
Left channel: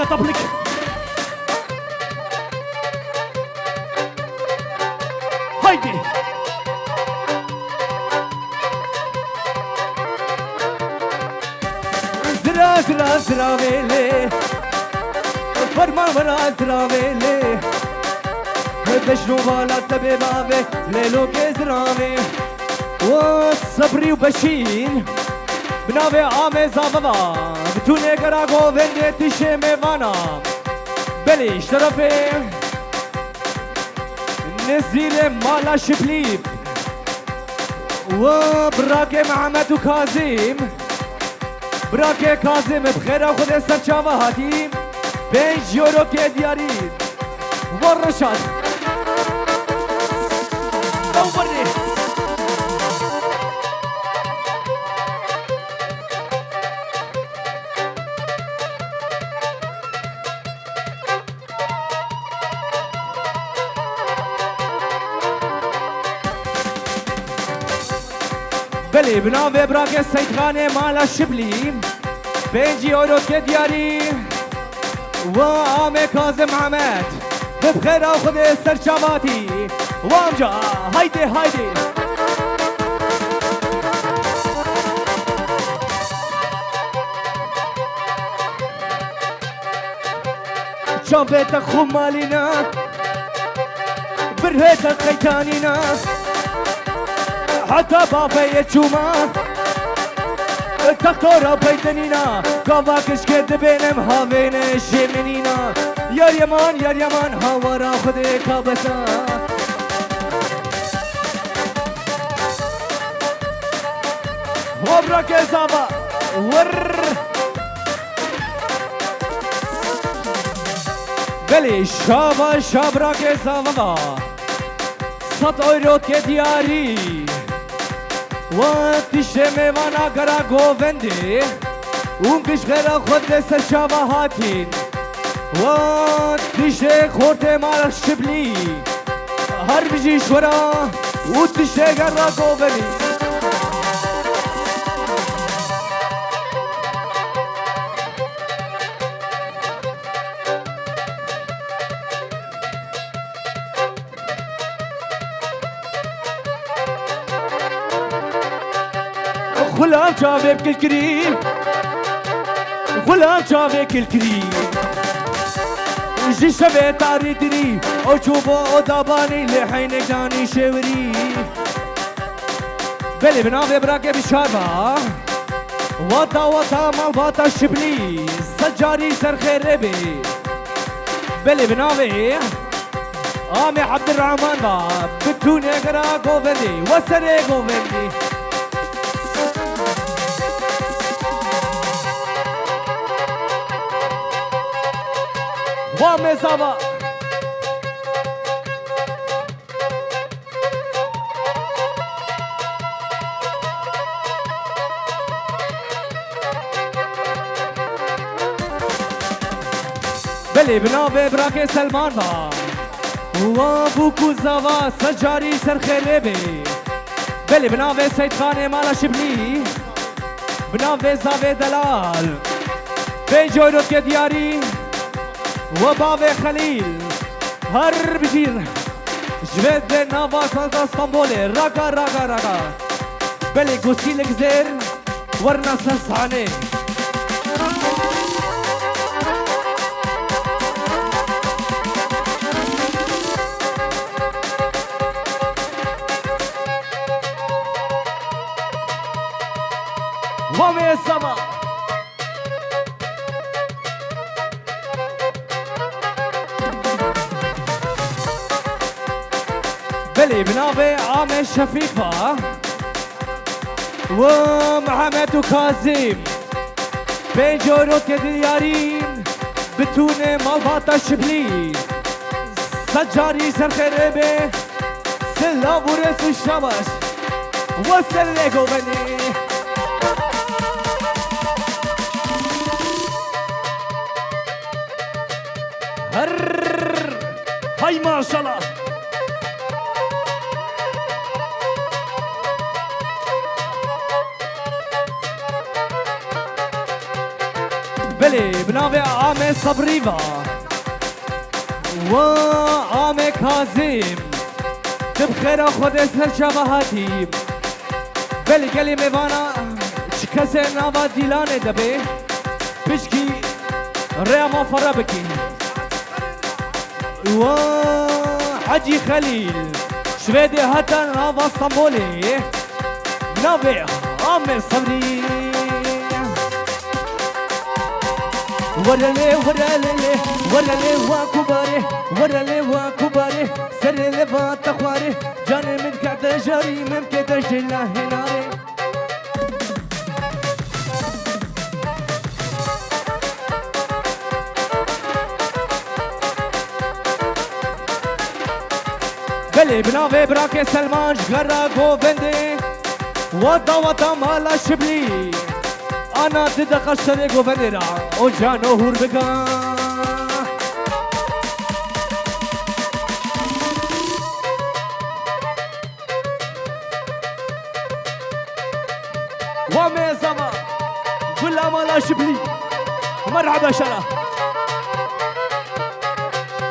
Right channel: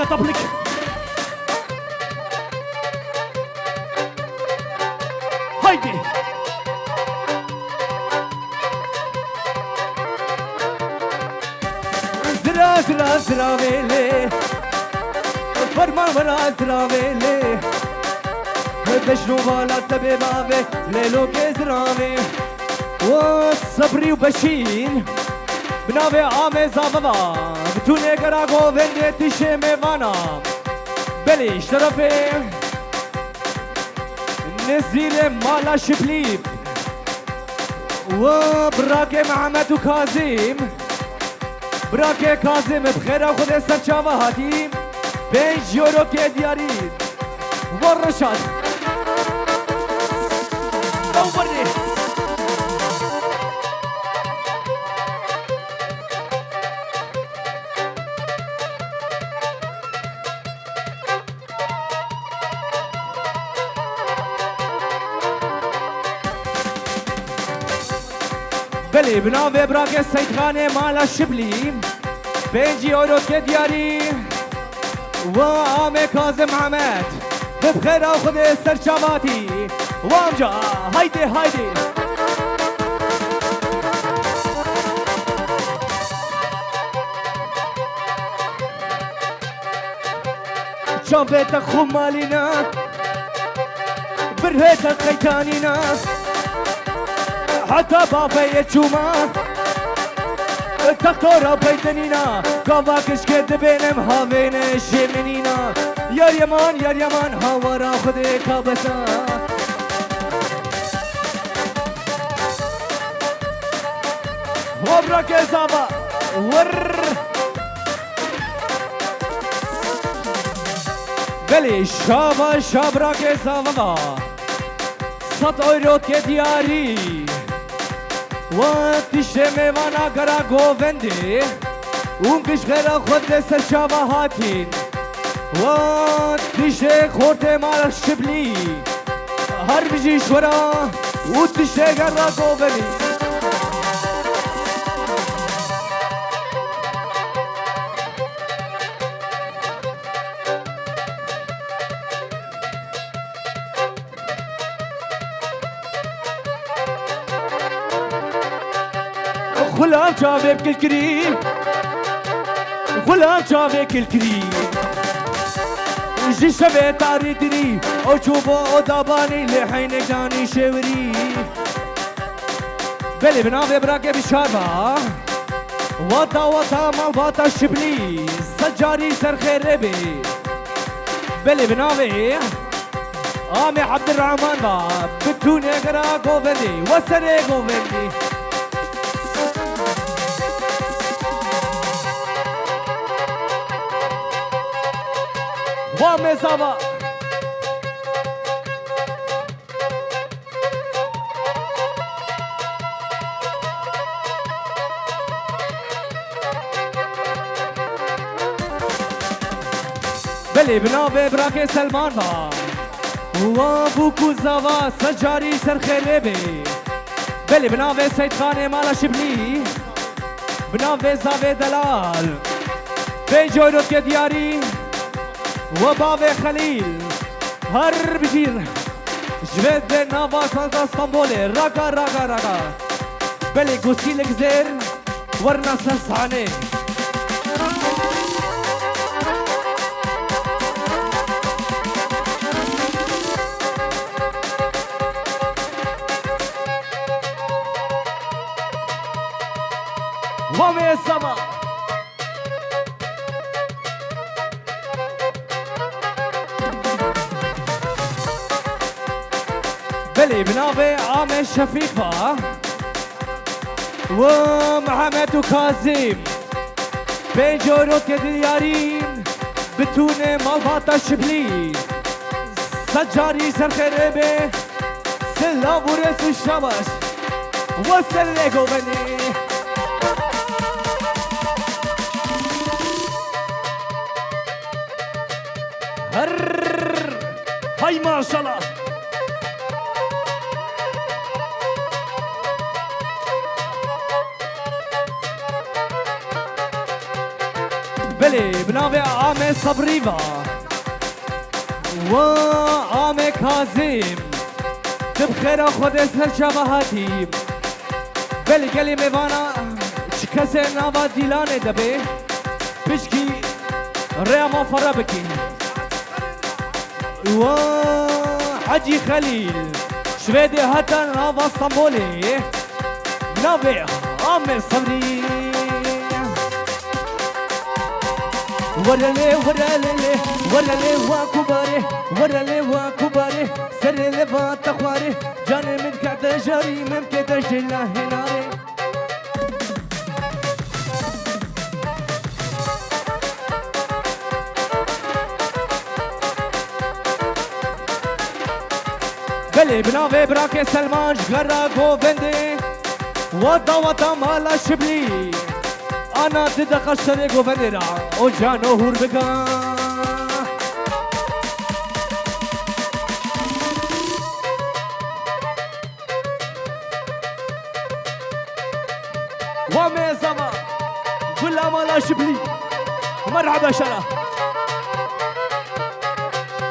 طبلك هايدي زرا زرا زرا ويلي فرمان ورا زرا ويلي بشنو بالا تبي بابي ليلو كزرامي وصبري وبشين بناوه آمه زابوا بتونه کرا گوونده تیشه میوانا بلیش طرفه نزیل مالا شپلیب و براک محمد و کازیم براک کازیم بخیر خود سرچاوه هاتیم 5 یورو که دیاری و رشاد او برده بله بناوه براک سیدخانه مالا شبلی 5 یورو که دیاری و آمه کازم محمد بخیر خود سرچاواتی و آمجا هایده هایده شافت خمالينا برهت قيتانينا حتى بافي تشوما تختار بيتنينا كافاكش كد بينم هاوين شمنينا يا يمان هاورا خدي كابسا وبرك زابا ور بلی شابرا که زاوا 100 euro که دیاری و تیشه میوانا کرا گوونده اون کش خیرا خود سرچاوا هاتین و تیشه خورته مال شبلی هر بجی شورا و تیشه کرا گوونده غلام جاوه بكل غلام جاوه كل جي شبه تاري دري او چوبو او داباني لحين داني شوري بلي بناوه براكه بشاربا وطا مالباتا شبلي سجاري سر خير بي بلي بناوه آمي عبد الرحمن با بتوني اقرا قوفندي وسري قوفندي وامي زابا بلي بناوه براكي سلمان با وابوكو زاوا سجاري سر خيربي بلي بناوه سيد خانه مالا شبلي بناوه زاوه دلال بيجورو كي دياري وبابي خليل هر بجير جبد نافا سانتا اسطنبولي راكا بلي قوسي الجزير ورنا سنساني وامي السما بلي بناوي عامر شفيق با ومحمد وكاظم بيجورو كديارين بتونه مالباتا شبلي سجاري سر خربه سلا بورس الشبش وسلكو بني هاي ما شاء الله بلي بنابي عامي صبريفا وعامي كاظم تبخير خود سر شبهاتي بلي قلي ميوانا شكسر ناوا ديلانه دبي بشكي ريما فربكي حجي خليل شويدي هتا ناوا اسطنبولي نابي عامي صبري ورالي ورالي ورالي وكباري ورالي وكباري سري لفات خواري جاني من كعد جاري ممكن تجلى هناري بلي بنافي براكي سلمان جغرا غوفندي وطا وطا مالا شبلي أنا تدق الشريك وفندرا وجانو هوربكا وميزما كل مالا شبلي مرحبا شرا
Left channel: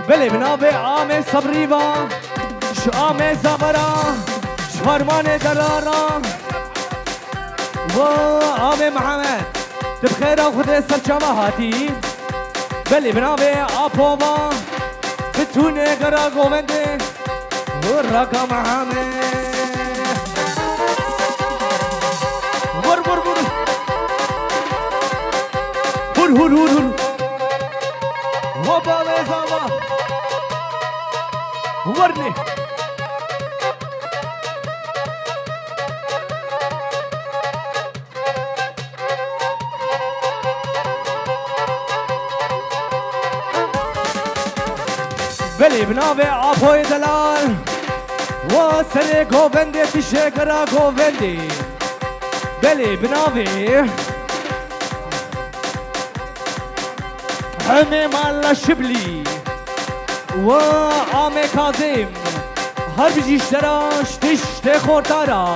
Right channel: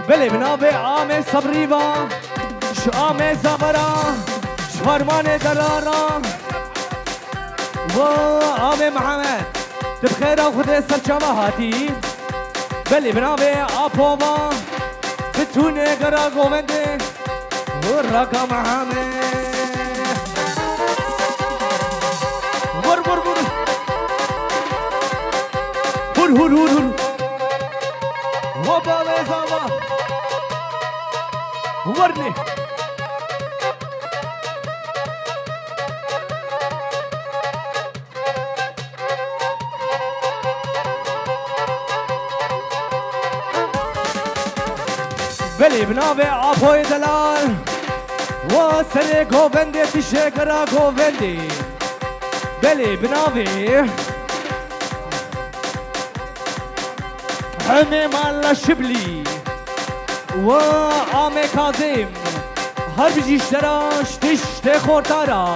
بلي بنافي عامي صبريبا شو عامي زبرا شفرماني درارا وعامي محمد تبخير خذ سر جماعتي بلي بنابي ابوبا بتوني غرا غوندي ورقا محمد ور ور ور هور هور هور هور وبا زما ورني بلي بنابي عفوي دلال وسري غوفندي تشكرا غوفندي بلي بنابي حمي مالا شبلي وعامي كاظم هر بيجي اشتراش تشتي خورتارا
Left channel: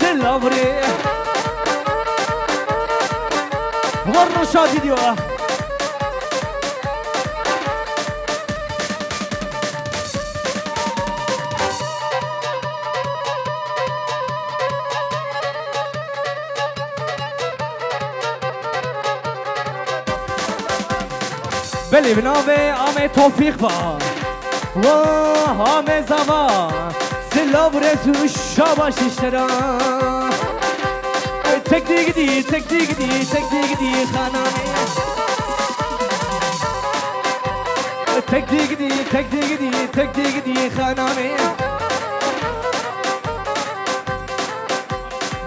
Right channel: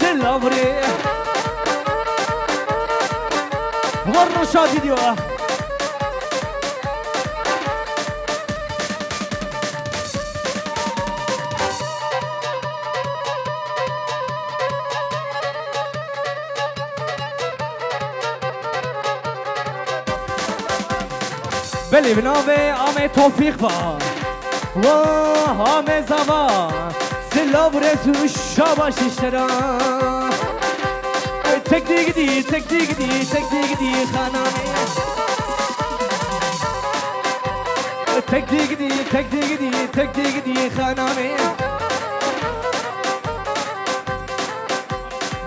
سلافري والرشاد ديوه بلي بنابي عامي توفيق با وعامي زوا سلاف رسو الشاباش اشترا تكتيك دي تكتيك دي تكتيك دي خاناني تكتيك دي تكتيك دي تكتيك دي خاناني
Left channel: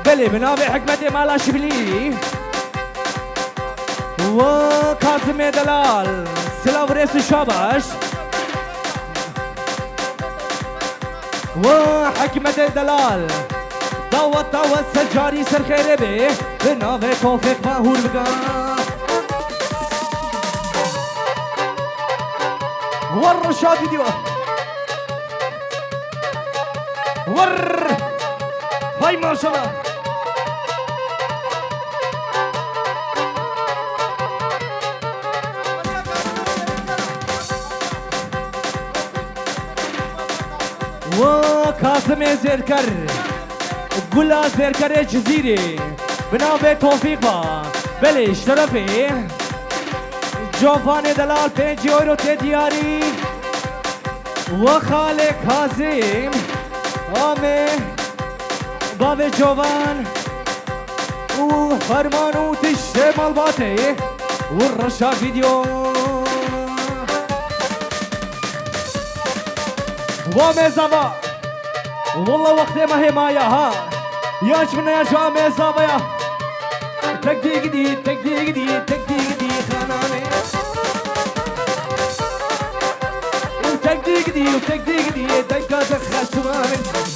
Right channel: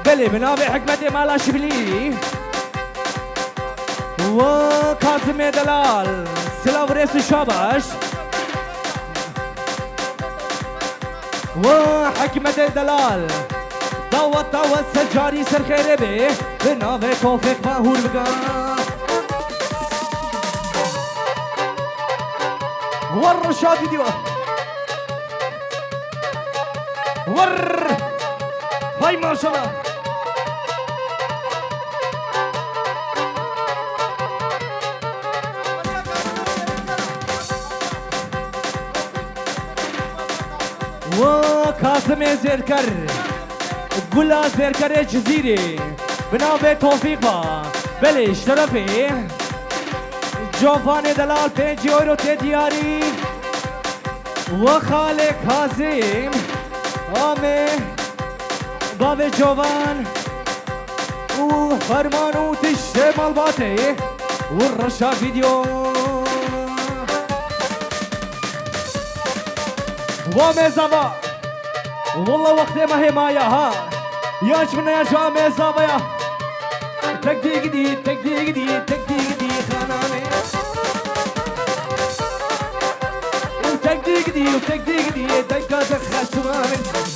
بلي بنابي حكمتي مالا شبلي وكاظم دلال سلاف رئيس الشاباش وحكمة دلال دعوة سجاري سر خير به بنافي توفيق ماهور بقى والرشاد ديوه هاي ما شاء الله وكاظم زركر قلا زركر جزيري بنابي توفيق با بلي اشترفي جوفاني دلال 5 يورو تدياري وخالق كاظم آمي بابي جوفان وفرمان وتشتي مالباتي والرشا فيديو ومزابا والله وقت ما هي مايا ها ياش من يا جامع زابا تكدي خاناني وتكدي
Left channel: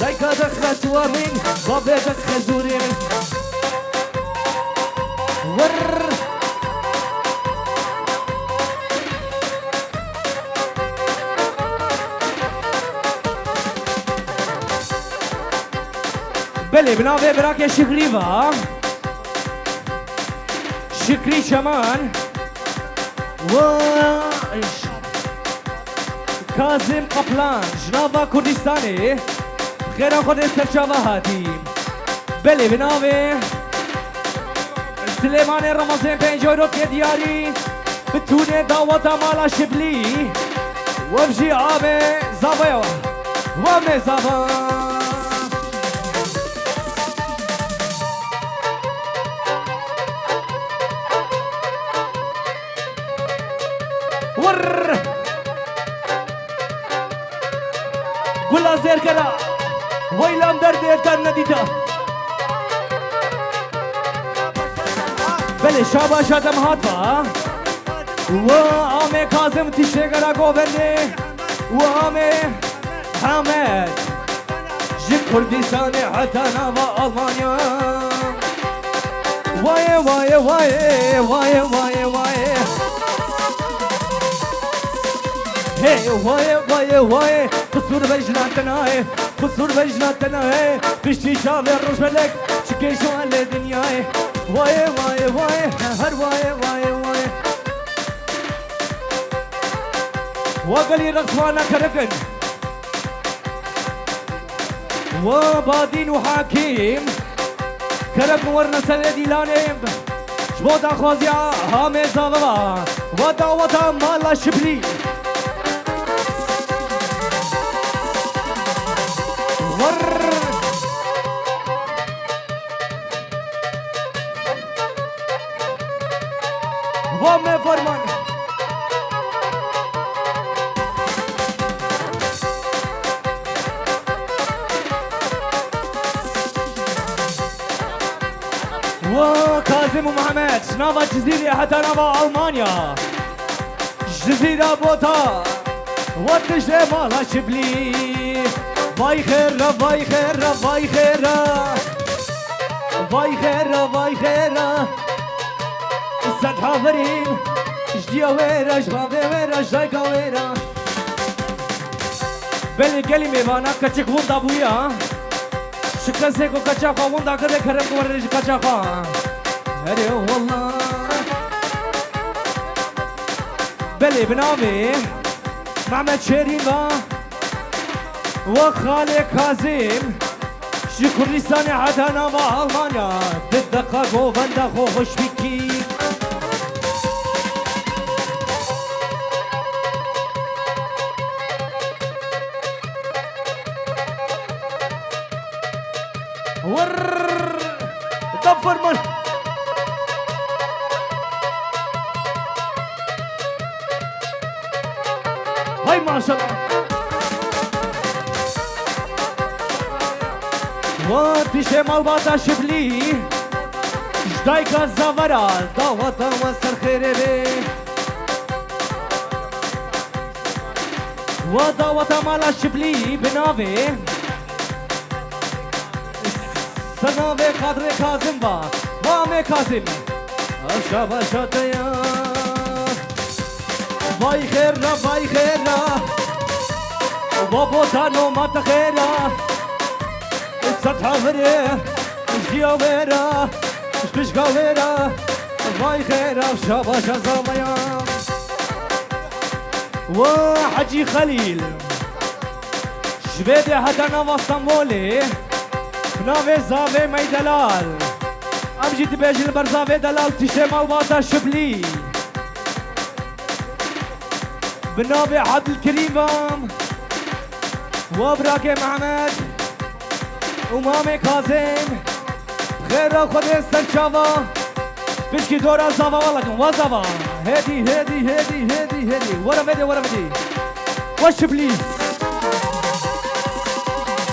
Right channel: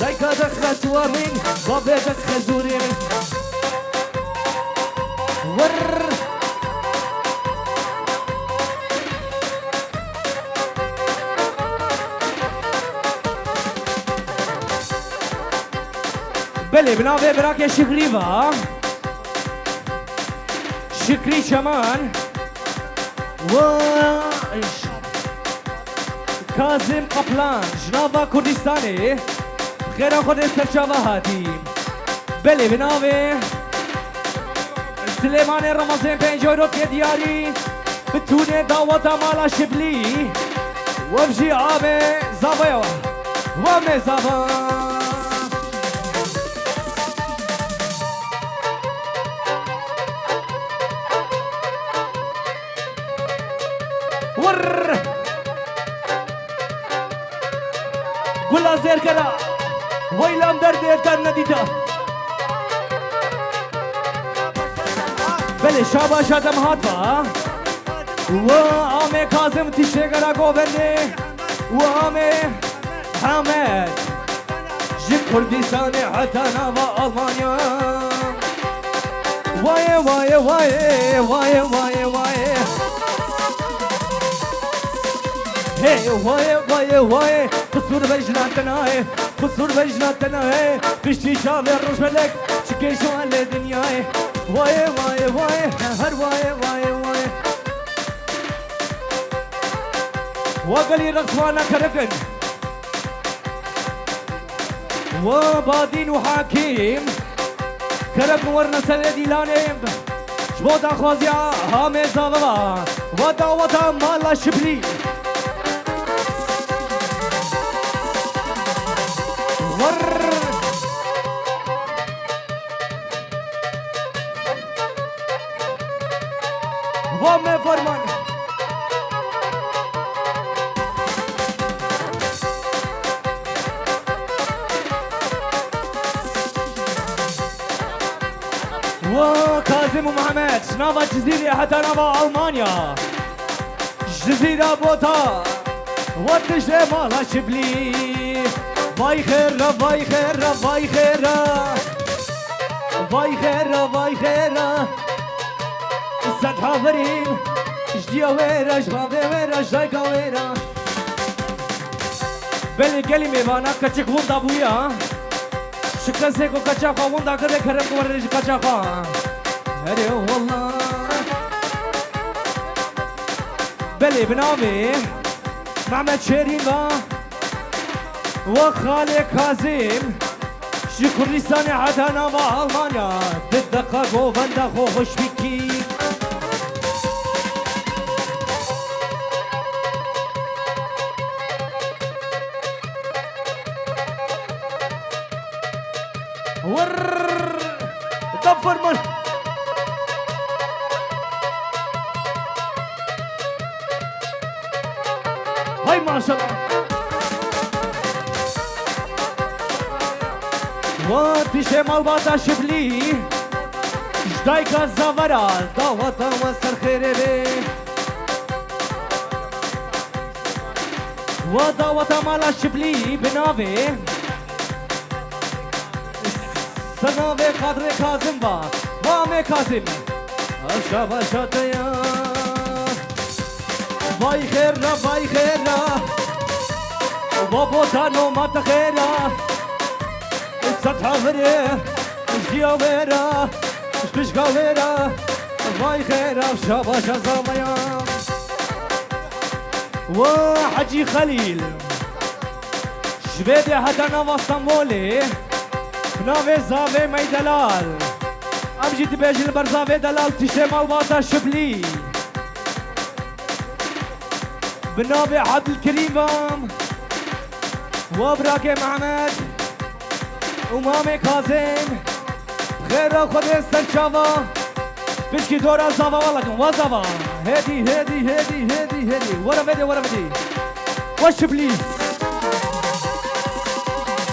دايكا دخل سوامن بابا دخل زورين ور بله بنابه براك شکری و شکری شمان و کازم قپلان جنابا کردستانی خیران خود سرچاوه هاتی بله بنابه سلیمان رمضان پنجورو که دیاری بتونه دعوت مالا شبلی و بجی آبه زابه و مزابه ور قول زير كذا ويلام درد كان نديتا بله شابا شادم هاتفا وآمي كاظم تشيغرا قوبني وآمي حامد جي كردستاني حتى نابا ألمانيا واي واي واي واي واي واي هي واي قصور بجناتنا قصور بجناتنا بشتي شافي الروش ملك شكي شو على دنياي واي هر واي وقالي رقصوانا كركن وبادين وحاكيم كركن ورنا سندي لانيم شبوتا خوزيا هامي زاغبا ودا مالا شبلي وامي فرمان وكاظم ومحمد نافا جزيرة حتى نافا ألمانيا جزيرة بوتا واتش مالا شبلي باي خيرا باي خيرا باي خيرا باي خيرا باي خيرا السد حافرين جديا ويرا جبابي ويرا جايكا ويرا بلي كلمة بانا كتشك وندا بويا شكرا سيكو كتشاقا وندا كده كرم ورج كتشاقا هري والله بلي بنامي محمد شريفة وخالي كاظم شي كردستاني حتى نافا ألمانيا بالدقة قوفندا خوش بيكي ور دفر من هاي ما شاء الله واتش مالباتا شبلي جدايكا زافرا دعوتا وسر خيري ودعوتا مالا شبلي بنافي سنافي قدر كاظم با وامي كاظم اشابا شاتيا باي خيرا وبابوتا نومات خيرا ستحافري جديا ويرا شكشكا ويرا باي خيرا وشابا شازاميا وحجي خليل شبيدي حتى نافا اسطنبولي نافي زافي مي دلال امجي تبيجي البرزافي دلال تشي مالباتا شبلي بنافي عبد الكريم وبراكي محمد ومامي كاظم خير خود سرچاوا بشكي دورا زاوا والله وزاوا هدي ورا مدي وش بليز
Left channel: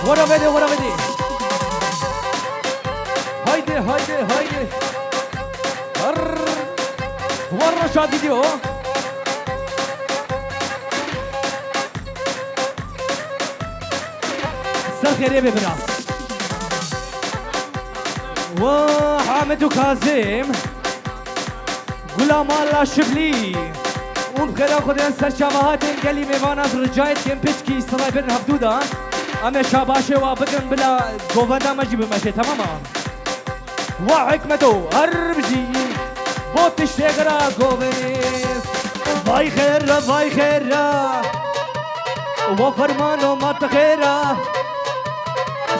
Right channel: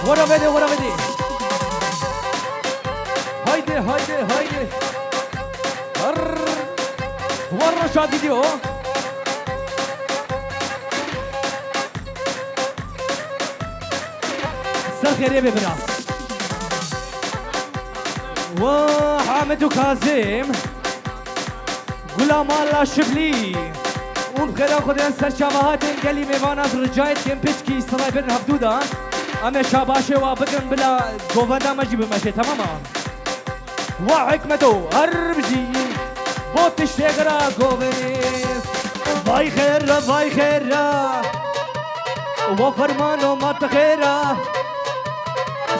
ورا مدي هايدي والرشاد فيديو سخير يا ببرا وحامد وكاظم غلام الله شبلي وبخير خدين سر شبهات قلي ميفانا رجايت كم بيشكي سرايبر هبدودا اما شاباشه وابقن بلا قوفندا مجيب ماشي تماما وحكمته هربجي بوت الشجرة قوفنيس باي خير باي خير وفرمانو ما تخيره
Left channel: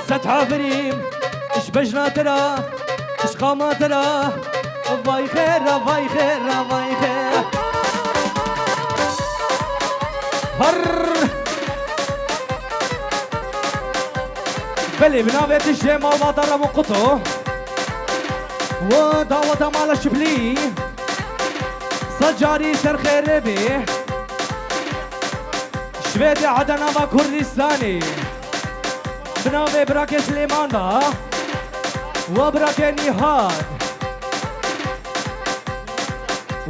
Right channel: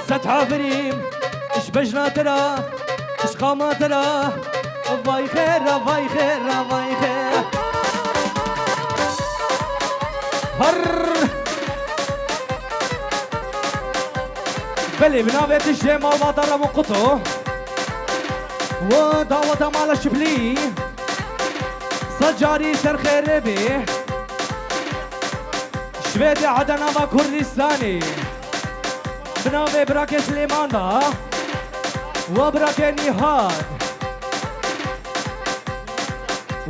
ست حافريم اش بجنا ترى اش قاما ترى باي خير باي خير باي خير هر بلي بنابت الجيم وبطر مقطو ودعوة مال الشبلي سجاري سر خير بيه شويدي عدنا وكردستاني بناوي براك سليمان با وبراك نهاد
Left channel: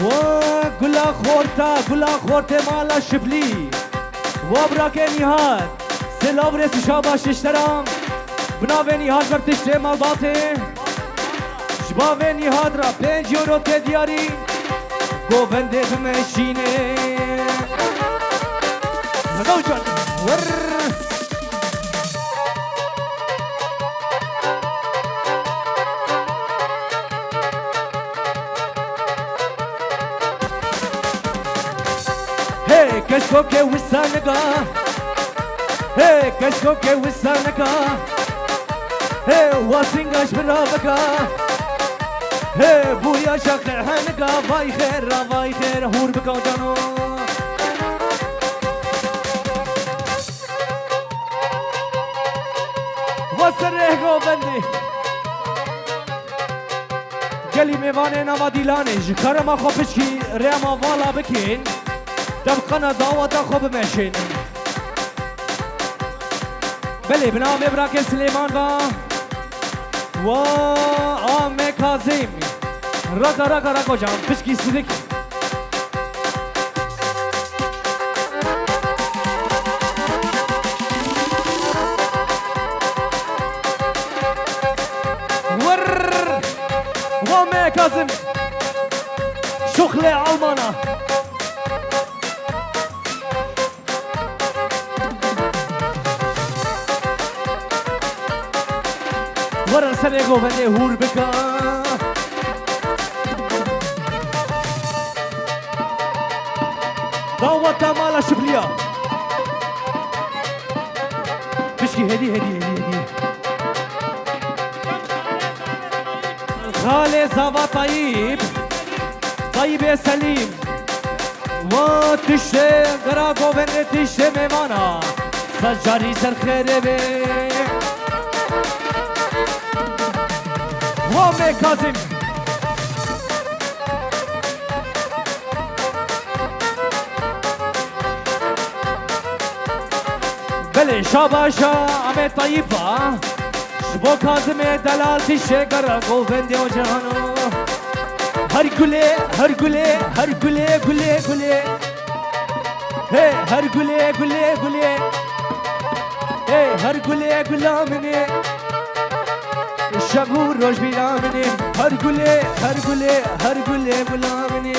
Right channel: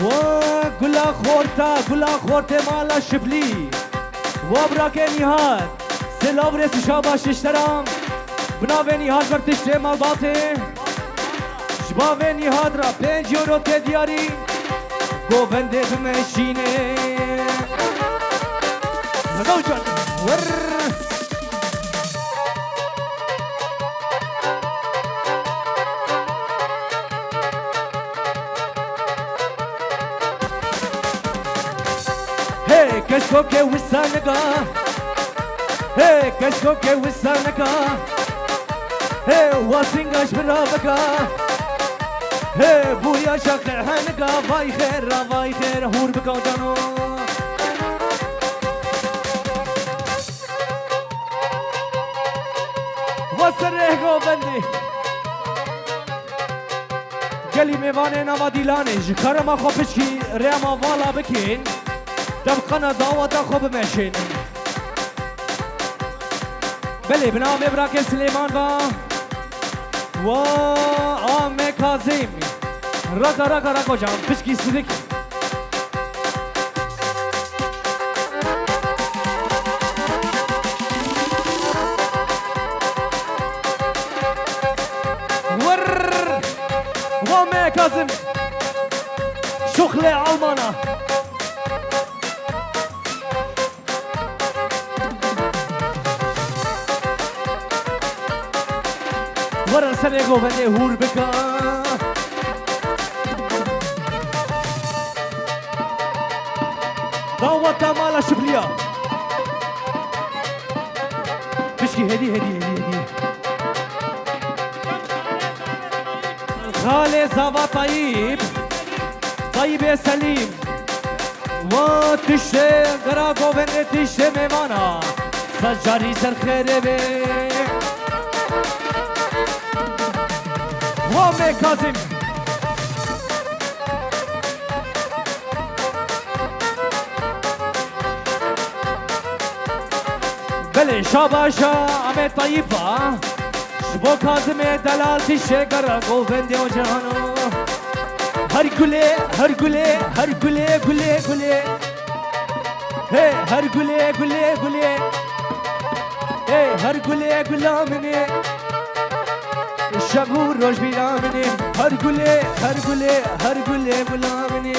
وقلا خورتا مالا شبلي وبراك نهاد سلاورس شاباش اشترام بناوي نهاد برتشتي مال باطي شباوي نهاد را 5 يورو تدياري قوفنده بمشيني مدوجان ور كشكو كي وسانكا هي كشكو كي وسانكا هي واسينغاش برافكا هي بويا شاقع حنكا باي خير هور بكا جانو وسره بندي قالي ميواني نما ديلاني جكرما خوبشكي ريما والا بكين دبقنا دعوة خوب ماشين بلي بناوي براك سليمان با و عام كاظم رقا جام بشكي سيدك ور وعام كاظم شغلة علمانة ورا سرقو بني هور بكا دعوة مالا شبلية بشكي هدي خالي زابا طيب يا سليم وتشي غراقو بني تشي ميمانا سجاري سر خير بي وامي كاظم بلي شاباشا عمي طيبة شبو كاظم دلالتي شكر قوفندي وجهانو هرقلي هي هرقلي هي هرقلي قلامني شبور روش بلامني هرقلي بلامني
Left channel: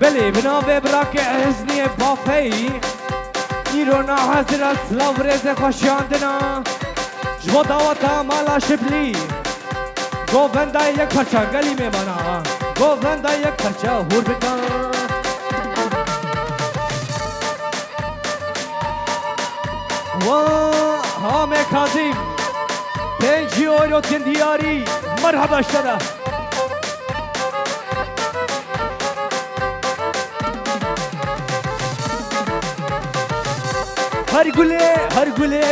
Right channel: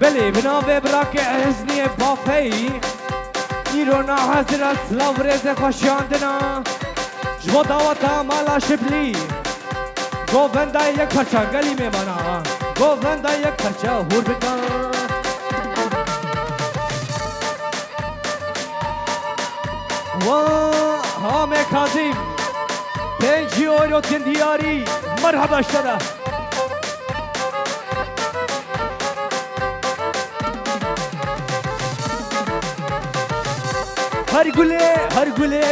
بلي بناوي براك عزني بافي نيرونا حزر سلاو ريزي خوشياندنا جبو دعوتا مالا شبلي گووندا یک پرچا گلی میمانا گووندا یک پرچا هور بکن و هام کاظم 5 یورو تندیاری مرحبا اشترا هر گله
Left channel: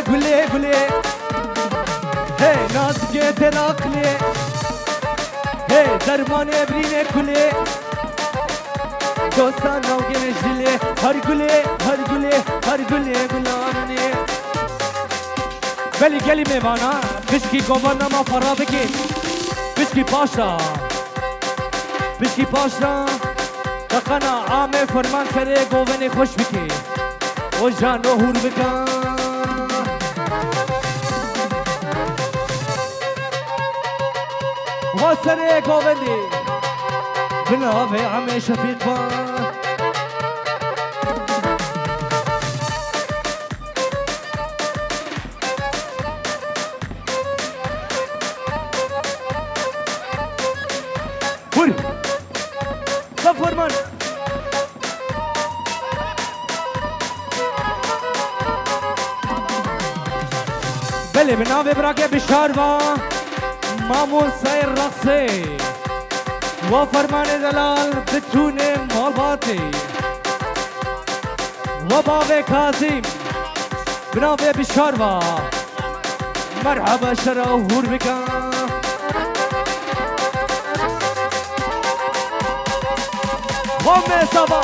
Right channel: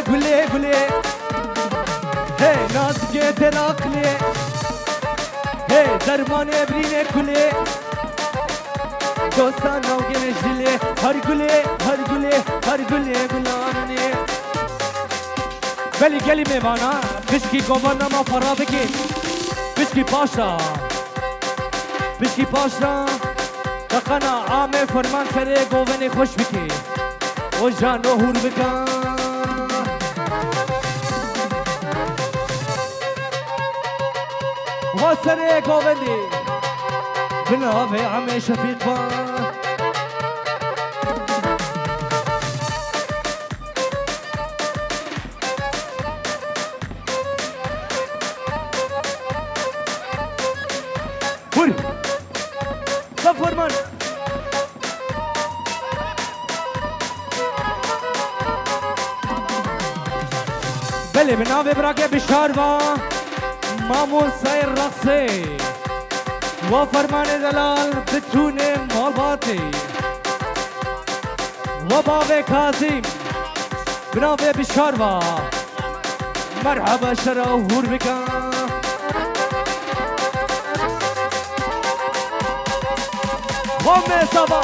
هی نازگه تراقله هی درمان ابرینه کله دوستان نوگه جله هر گله گلانه ولی گلی میوانا بشکی گوانا ما فرا بکی بشکی پاشا بشکی پاشنا دقنا عامه فرمان سره گوونه خوش بکی و جان و هور بکن و سره گوونه بناوه عمه شفیق با هور فرمان بله بناوه براکه بشاروا مامون سیر رقصه و فرمان دلال بتونه مالباتی و باوه کازیم بناوه بشاروا مرحبا شرا هور بکن وامه سبا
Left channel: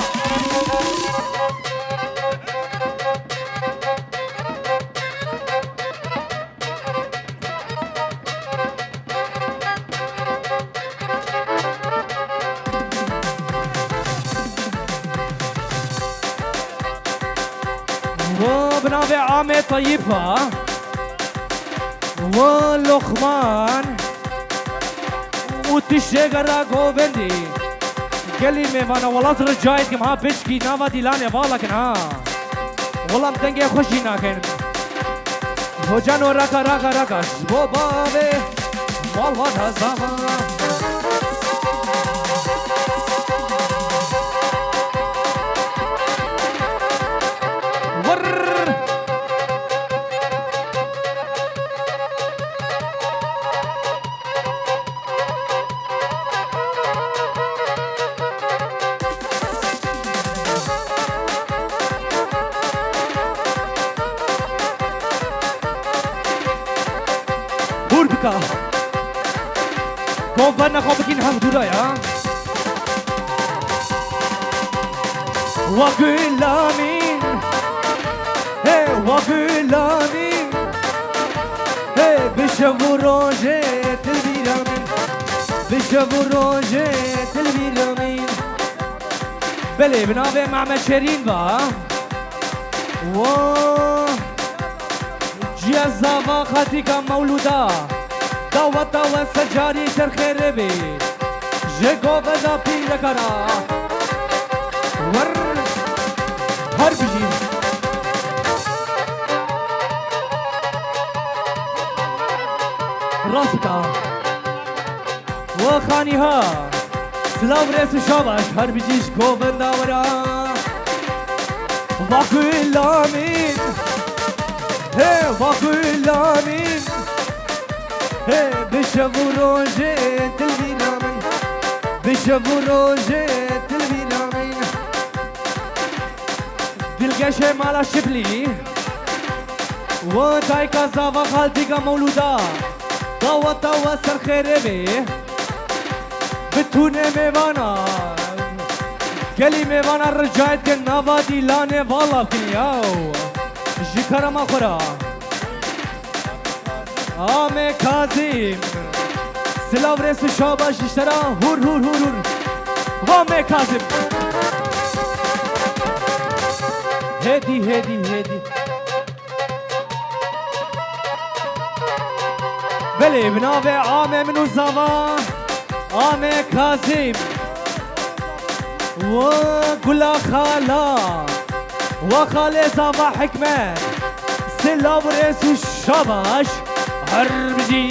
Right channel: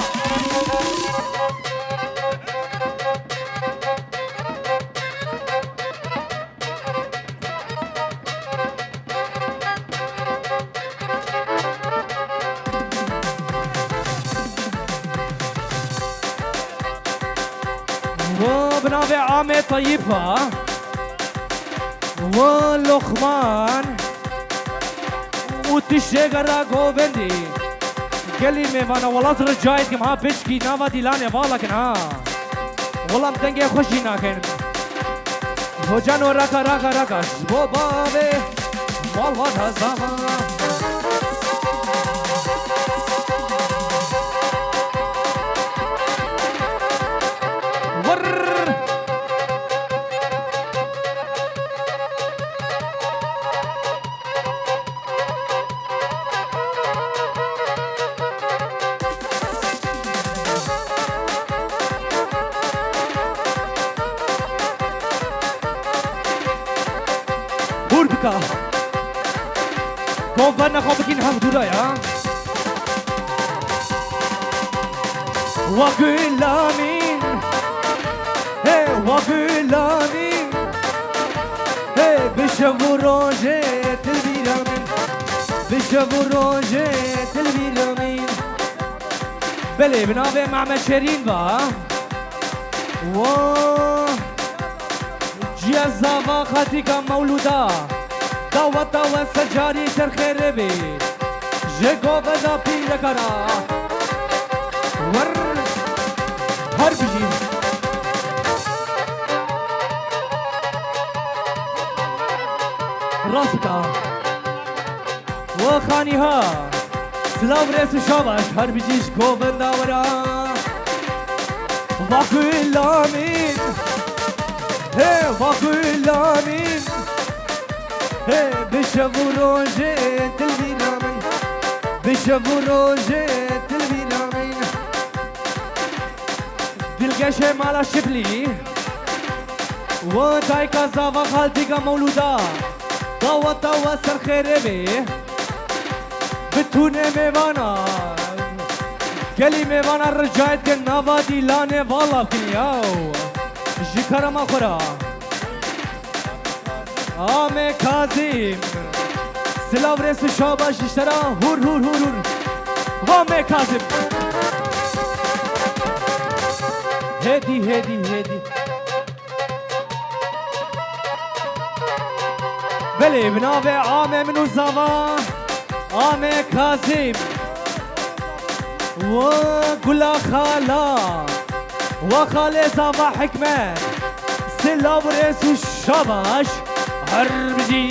وبنابي عامي طيبة ولخمان وتشجر غوبندي كلمة وانا والله رجعت كم ها بيشكي نافا ديلاني بالك ها والله متنجي خوشي ناكن وجانو راكا راكا راكا شبو بابي والله هزاما بوربكا كوفانا خوبكين هم دورايا وقلامين هي وقلامين هي بشبو روجي تلبيرامين بشبو روجي تلبيرامين بلي بنابي مع مشارين با و جيزاوا خاتيكا مولودا داوتا وسجاري سر خير بي جيكو بدا بيركرا ور هر بيجي راسكا وخانيها سلاو ريس شاباش هر بيجيش كو بدا ورا واكلامين هي واكلامين هي بشبو روجي تلبينامين بشبو روجي تلبينامين دلقشي مالا شبلي وتايكا زافا خالتيكا مولودا داوتا وسر خيربي بتونه ميوانا كلي ميوانا رجعت كنافا ديلاني والله بكنياو جكرا ما خورا آمي كاظم سلاو ريس شاباش اشترا هور هور هور هور وامي كاظم هدي هدي هدي بلي بنافي آمي منو زاوا آمي كاظم وقلا خالا وخالي زاوا حكمة سلاو ريس شاباش هربجي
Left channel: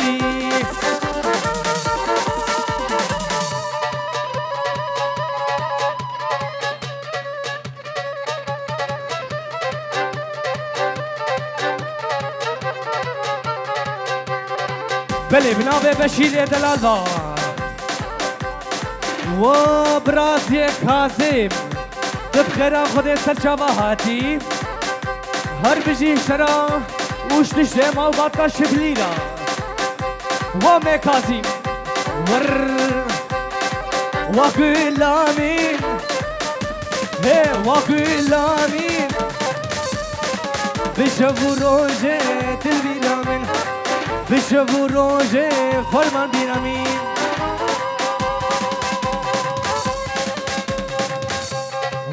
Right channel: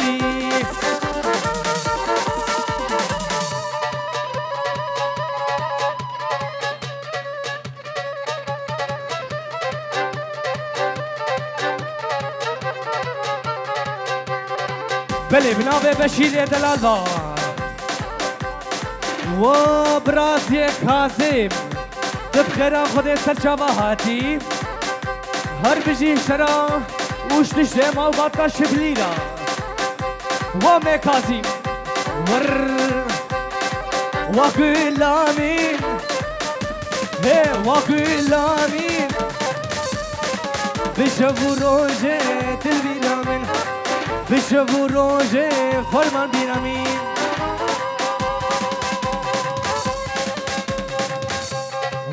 بلي بنابي بشير دلالة وبراسي كاظم بخيرا خودي سرچاوهاتي هربجي شرا وش تشتي مال باطا شبلينا وامي كاظم ور وقلامين هي وقلامين بشبو روجي تلبينامين بشبو روجي فرمان بينامين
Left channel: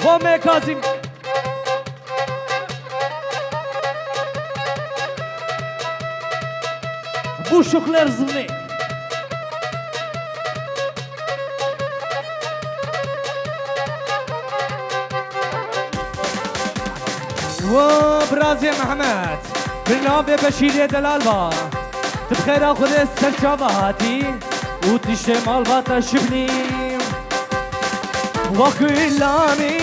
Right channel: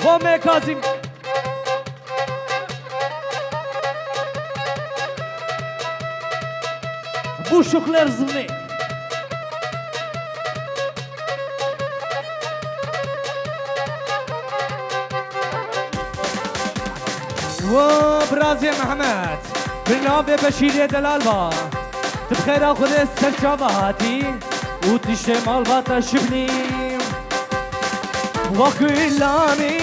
وامي كاظم بو شكلر زمني وبرازي محمد برنامج بشير دلالبا تبخير خود السرچاواتي وتشمال باتا شبني وكلامي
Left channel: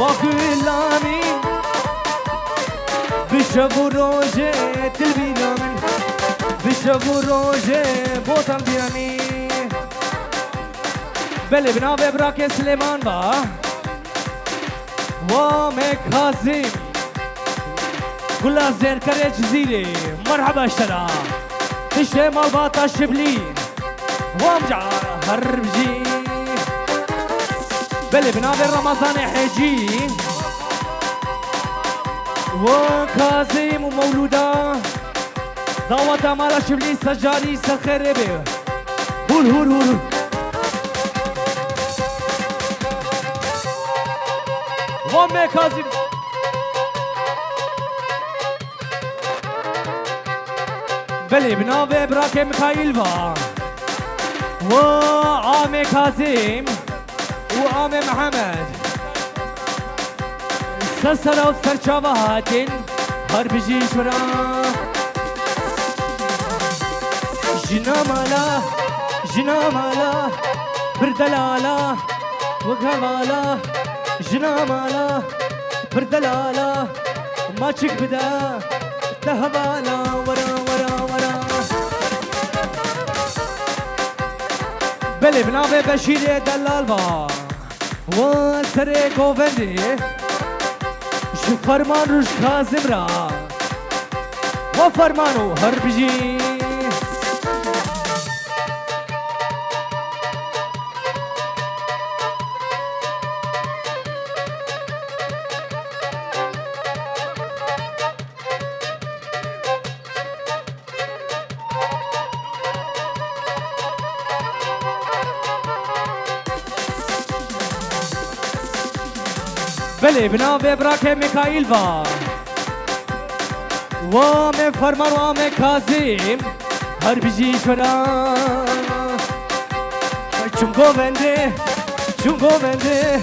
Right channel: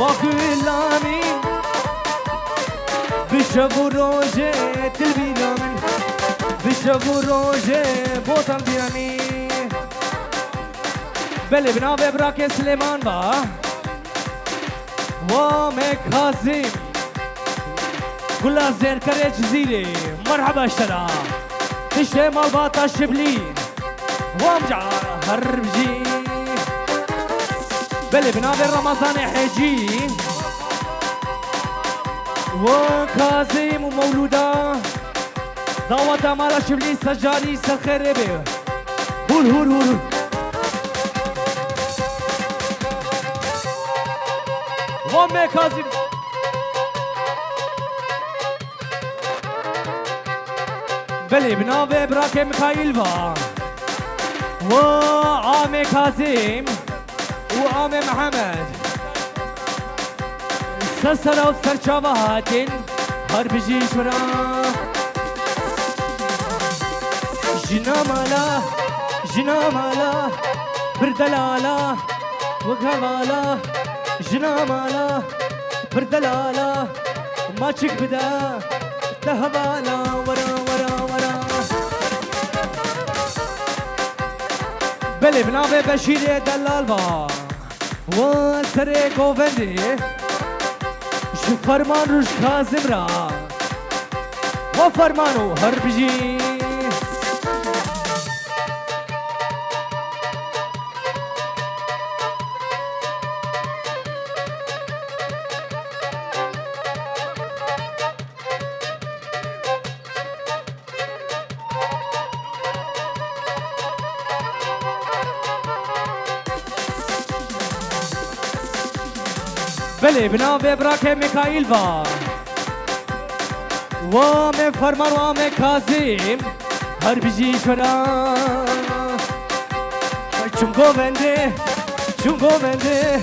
وكلامي بشبو روجه تلبينامن بشبو روجه بوتم بيامي بله بنابه براك سليمان با وامي كاظم كلها زين كريج زيري مرحبا اشترى تشمال باتا شبلي وامجع هربجي بله بنابه رمضان حجي وكاظم ومولودا دعوة مالا شبلي سجاري سخير به هول هول هول وامي كاظم بلي بنابه براك ميخائيل با وعامي كاظم وعامي محمد سسرا وسرچاواتين هر بجي شورا جنا مالا بردلالا وكمالا جنا مالا بردلالا ما تشك بدا تهبالا ورا ورا ورا بلي بنابه بشير دلال با وسري گووندي شو فرمان روش كاظم را وفرمانو هر بجي بله بنابه براك ميخائيل با وامي فرمان وامي كاظم هر بجي شورا چونگو بنده جبورنده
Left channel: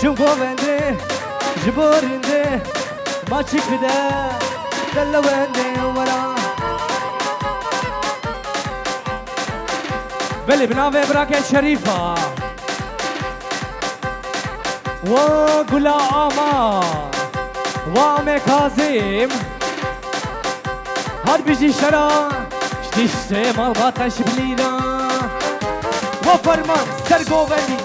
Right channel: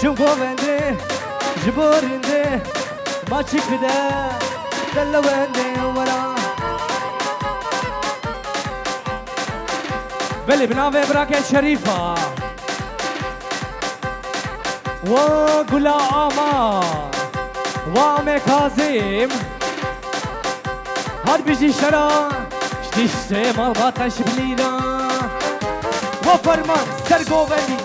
چونگو بنده جبورنده ما چک بده دلونده ورا بله بنابه براك شريفة وقلا آما وامي كاظم هر بيجي شرا شتيشتي مالباتا شبلينا وفرمان سرقوبني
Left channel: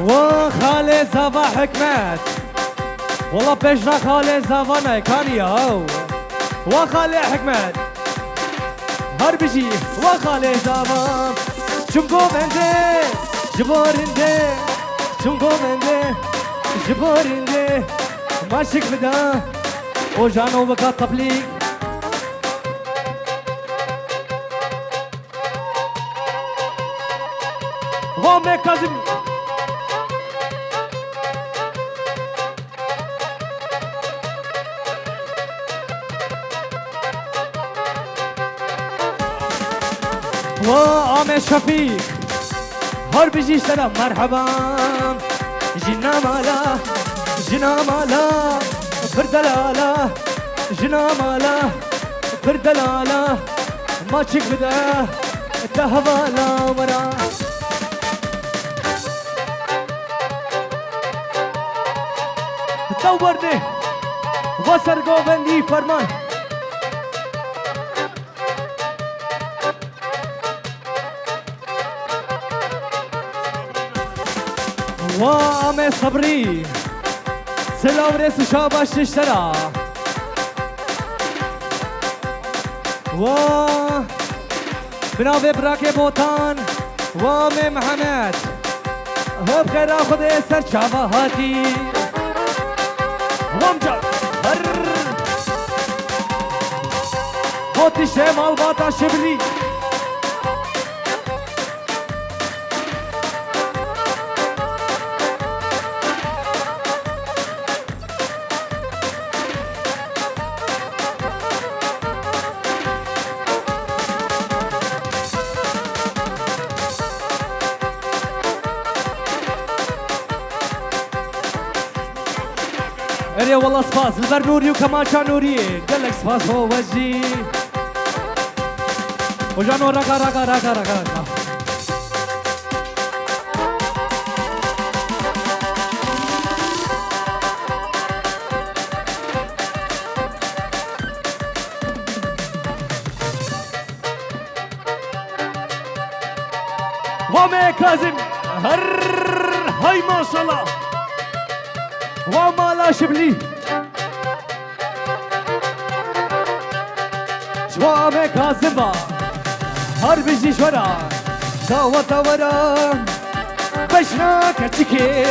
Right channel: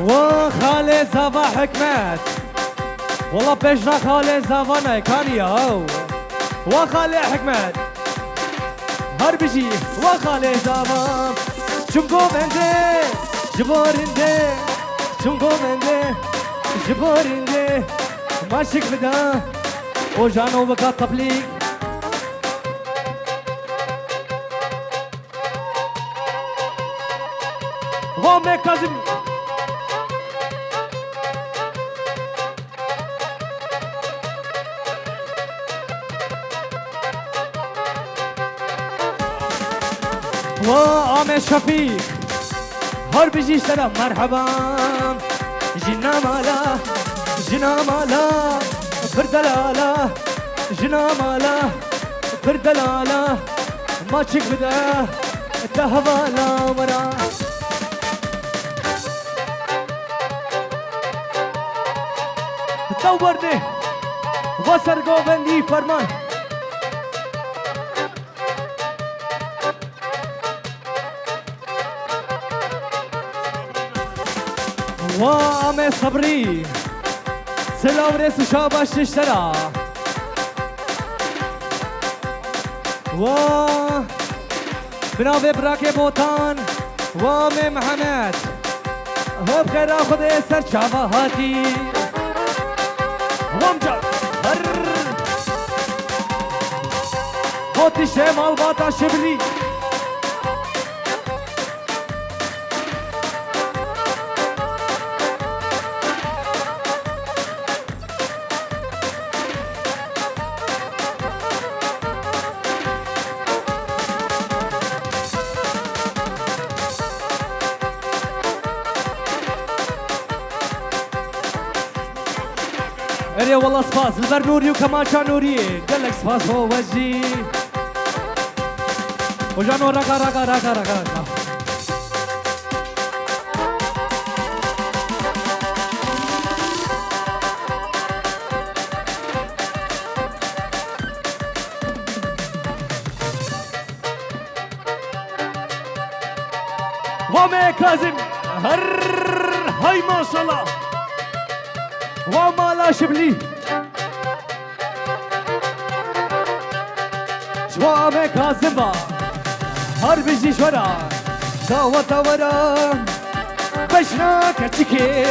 وخالي زافا حكمت والله بيجنا خالي زافانا كان ياو وخالي حكمت هر بيجي وخالي زافا چونگو بنده جبورنده چونگو بنده جبورنده ماشك بدا وجانو بكا طبليق وامي كاظم وعامي شفيق هر بيجي سلام مرحبا جنا مالا بردلالا جنا مالا بردلالا ما تشك بدا تهبالا ورا دورني وسر گووندي فرمان وامي صبري سلام ريس شاباش بناوی براک بوتان وام محمد هب خیر خود سر چاواتی وام جا هر بوتی شمال باتا شبلی اريا والله سباس البر نوري وكمان كان نوري قال لك سباس هو وجهي وجانو رقا رقا رقا رقا وامي كاظم هر هاي ما شاء الله وما لا شبلي شوامي كاظمة هر بيجي شورا شاوة ورا بشنا كتكي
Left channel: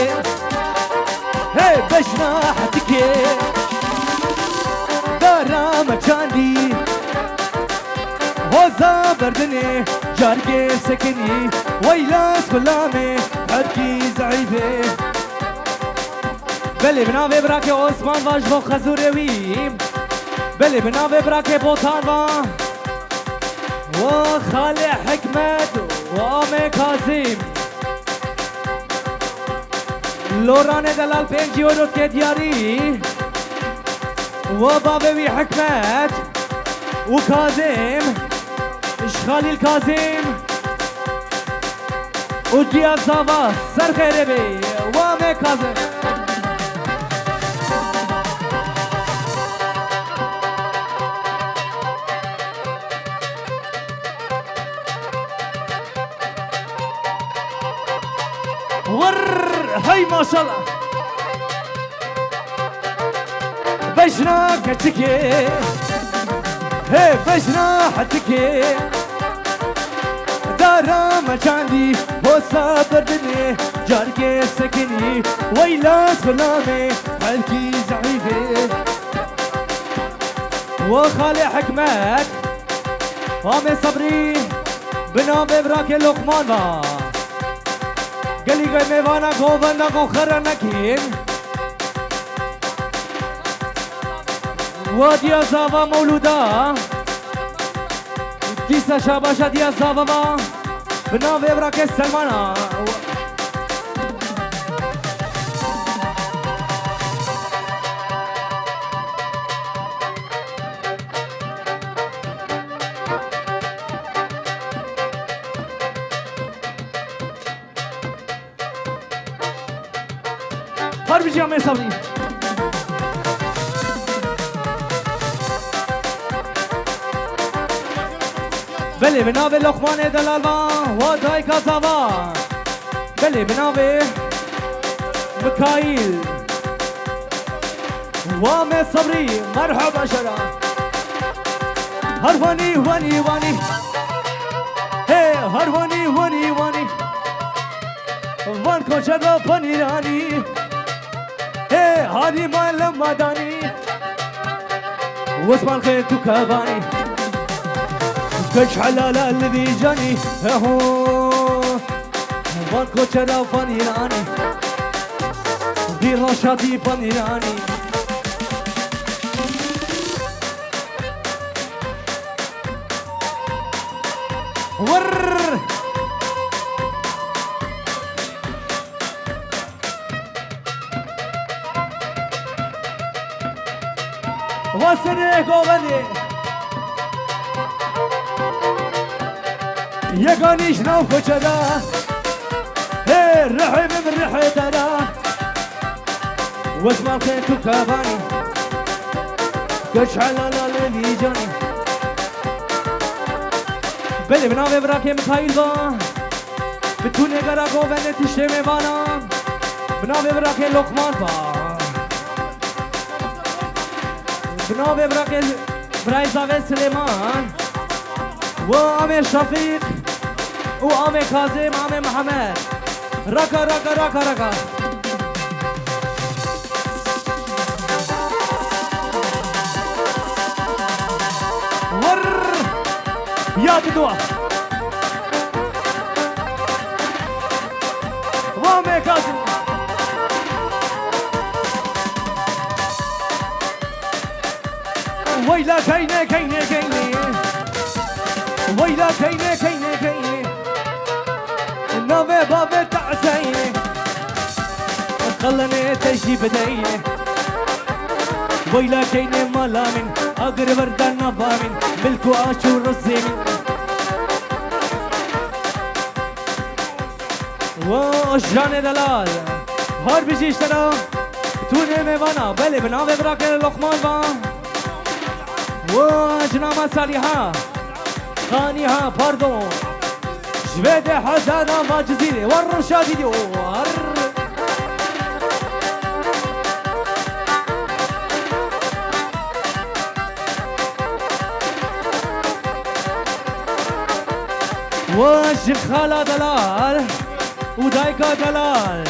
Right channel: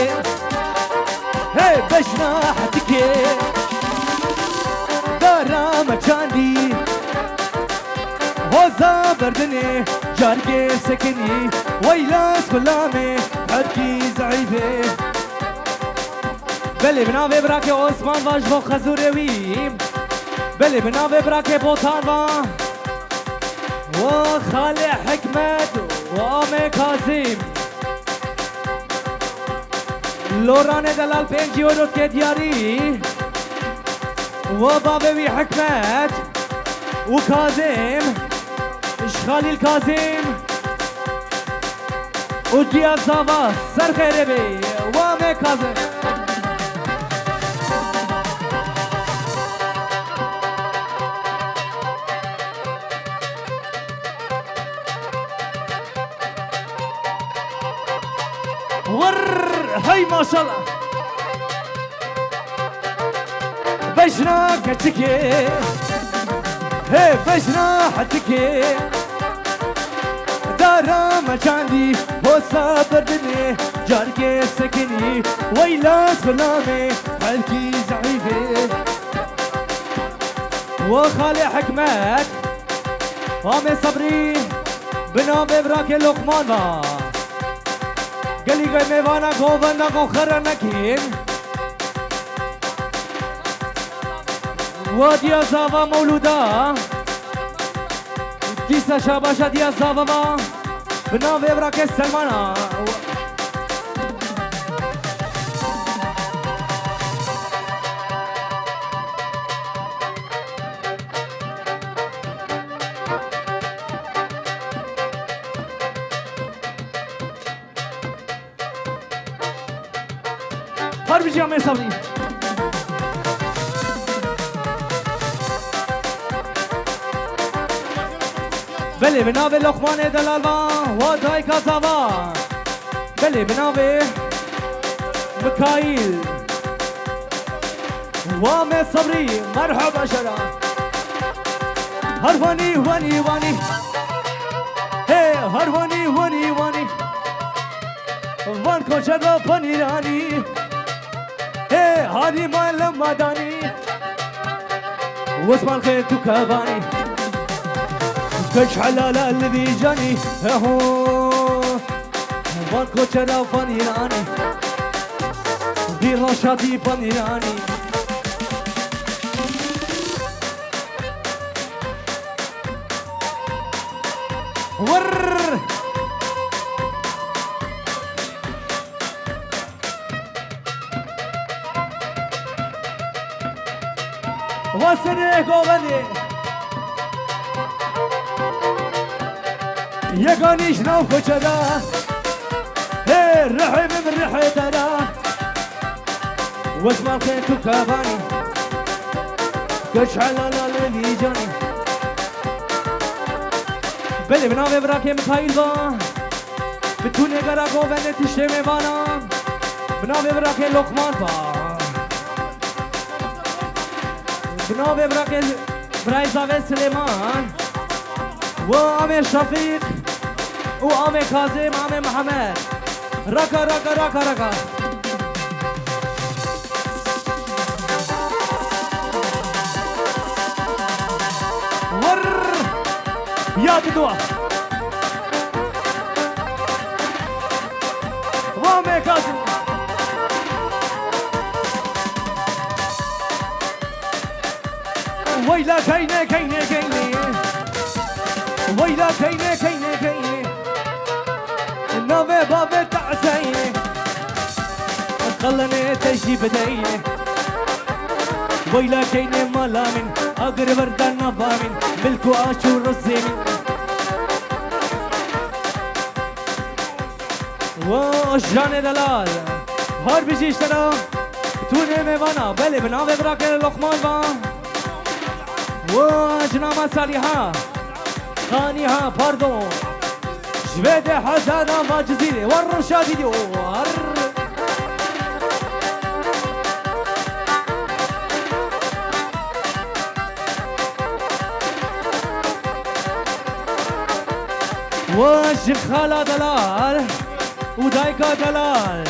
هي بشنا حتكي دارا مچاندي وزا بردني جاركي سكني ويلاس كلامي حركي زعيفي بله بناوی براک عثمان واج و خزوروی بله بناوی براک بوتانوا و خال حکمت و آم کاظم لوران دلال 5 یورو که دیاری و بابوی حکمت و کاظم اشخالی الکاظم و جیاب زاوا سر خیره بی و آم کاظم ور هاي ما شاء الله بشنا كتكي هي بشنا حتكي دارا ما عندي بوسا بردني جاركي سكني ويلاس غلامي حالكي زعيفي وخالي حكمت وامي صبري بنام براكي لقمان با گلی گئی میوانا گووندا کو خرا نکین وادیا زاوا مولودا دیسا شاباشا دیا زاوا بنا ویبرا کے سلمانا هر بیجی همه سامنی بله بناوی لقمان دلالوا و دای کازاوا بله بناوی مکایل و می صبری مرحبا شرا هر وانی وانی وانی هی هر وانی وانی وانی وان کوچه دا پنیرانی هادي ما لما داني واسمع الخير تكاباني كش حلال الذي جاني هو فانكو ترى فانيراني دي رشاتي فانيراني ور واسنه گوونی یگانیش نو کچدا هی رحم من رحی دارا واسمع خیر تو کابانی کش حلالا لیلی جانی بله بناوی براکی مخایل با بتونه گرا گوونی تیشه میوانا بناوی براکی لقمان با بناوی براکی برای زاوی سلیمان وعمي شفيق وعمي كاظم عمي محمد ركا ركا ركا ركا ور يا بدوع وعمي كاظم ويلا كينه كينه كينه ويلا كينه كينه كينه النوبة بابا تعسينه خلني تجي بدينه ويلا كينه ملامن اقر وردان نظامن ملكو اشور الزين وشجان دلال هار بيجيش ترى توني ميوانا بلي بناوي براكن لقمان بان وجنامة صالحة خانيها باردون جبيد حسانا ما جزيري ور شادي ور وش خالا دلال ودايكا دلال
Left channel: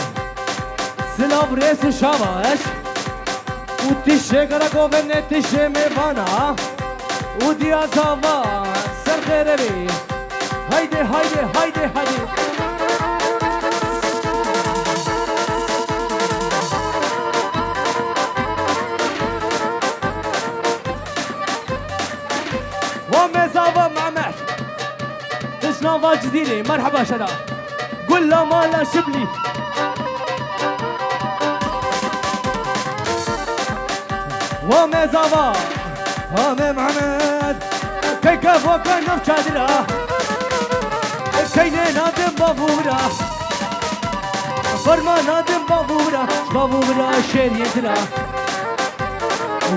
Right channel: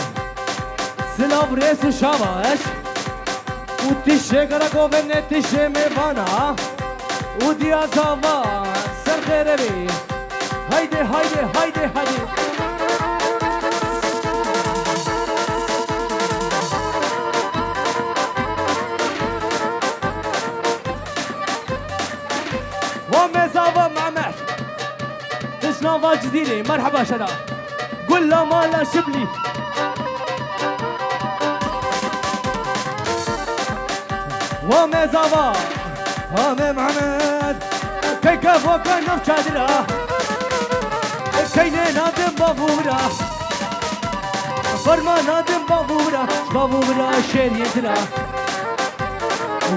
سلاب ريس شاباش وتشي قرقو بني تشي ميفانا وديا زاوا سر خيربي هايدي هايدي هايدي هايدي وامي زاوا معمح تشنافا جزيري مرحبا شدا قول له مالا شبلي وامي زاوا وامي محمد كي كيف وكان نفشادرا كيني نادم بابورا فرما نادم بابورا بابورا شير يدرا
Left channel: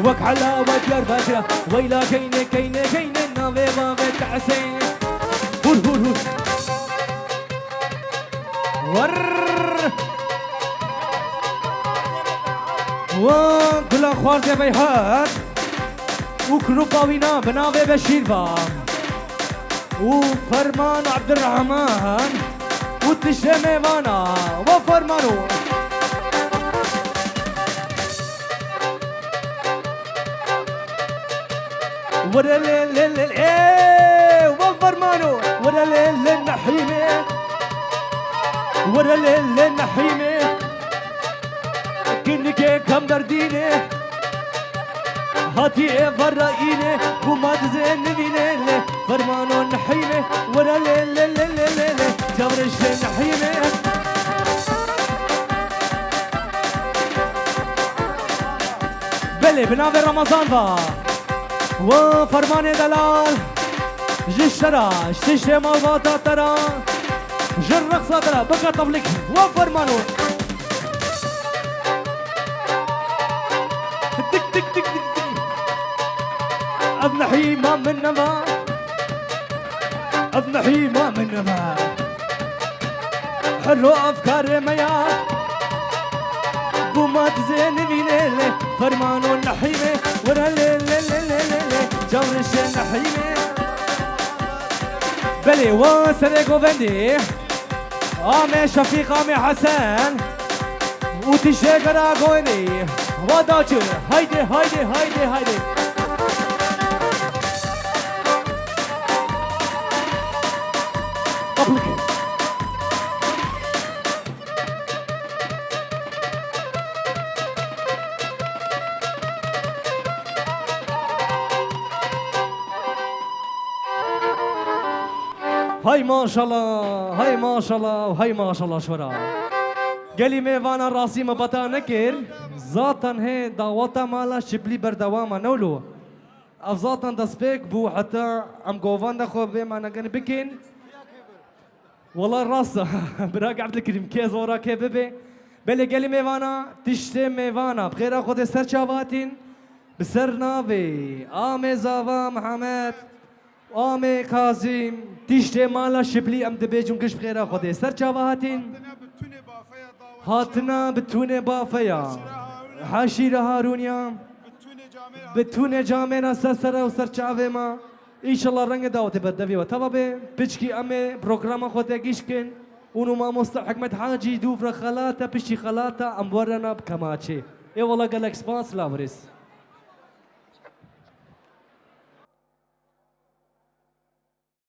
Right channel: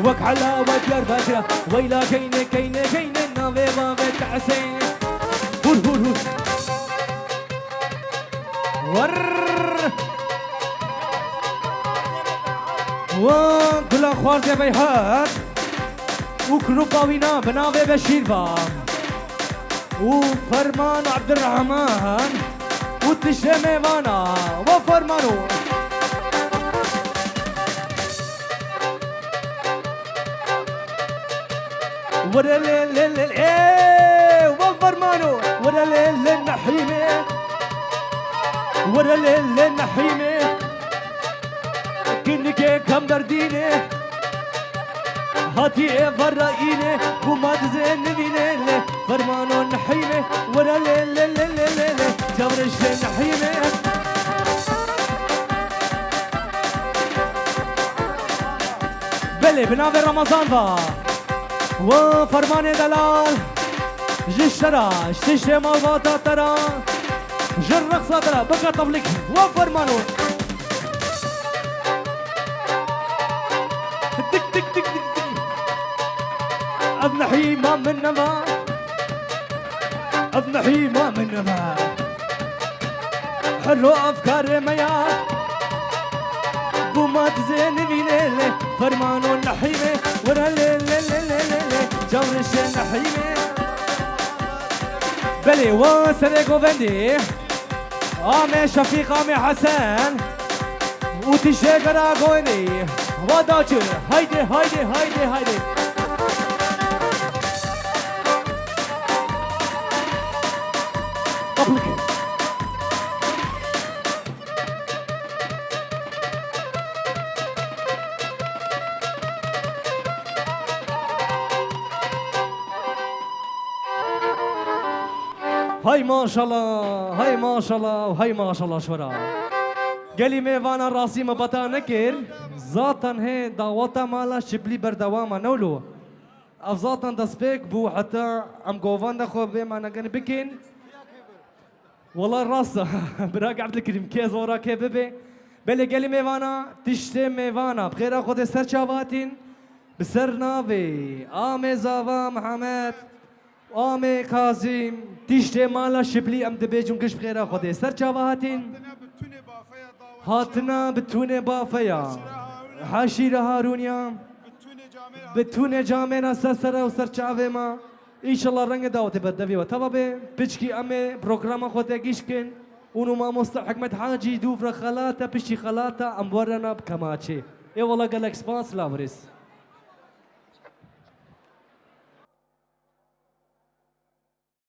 وك حلا وديار بكرا ويلا كيني كيني كيني نافي بابي تعسين هور هور هور ور وكل اخوار دي بيهات وكروباوينا بناوي بشيرفا وفرمان عبد الرحمن وتشمي مانا وفرمانو ورلل ايه وفرمانو ورلل النحيمه ورلل النحيمه كنك كم دردينه هاتي فرائينه وما تزين نبينه فرمانو النحيمه ورا ليل ليل ليل ليل جبرش النحيمه بلي بنافي رمضان با وفرمان دلال جشرا شتشي موضوعات ترى جرق صدرا بقى طبلك وفرمانو تك تك تك تك أبنحي ما من نما أبنحي ما من نما حلو أفكار ميا بومات زين بينيلي فرمانو النحيمة ورا ليل ليل ليل جورش النحيمة بلي وسرقو بندي آمي شفيق آمي حسن وتشيك راقوني وداجر هايدي هايدي هايدي هايدي قبلك هاي ما شاء الله هاي ما شاء الله وهاي ما شاء الله شورا قالي ميوانا راسي ما بتا نكر ذاتا هي دعوتا مالا شبلي بردواما نولو افزاتا دسبيك بو حتى ام قوفان دخو بما نغن بكين والله راسا براك عبد الكريم كيز ورا كيببي بلي قالي ميوانا تشتي ميوانا بخير اخذ سر شاباتين بسر نافي آمي زاوا محمد آمي كاظم تشتي مالا شبلي ام دبيجون كش بخير اخذ سر شاباتين هاتنا بتونه بافيا حاشير هارونيا بتونه جامنا سسرا وسر چاوه ما ان شاء الله رنگ دعوت بردوی و تبابه بچکی امه پروگرام خود گیشکن اونو ما مستر حکمت حاجی دوفر خلاتا پشتی خلاتا امورنا بکماچه ای والله قالك سبانس لابرس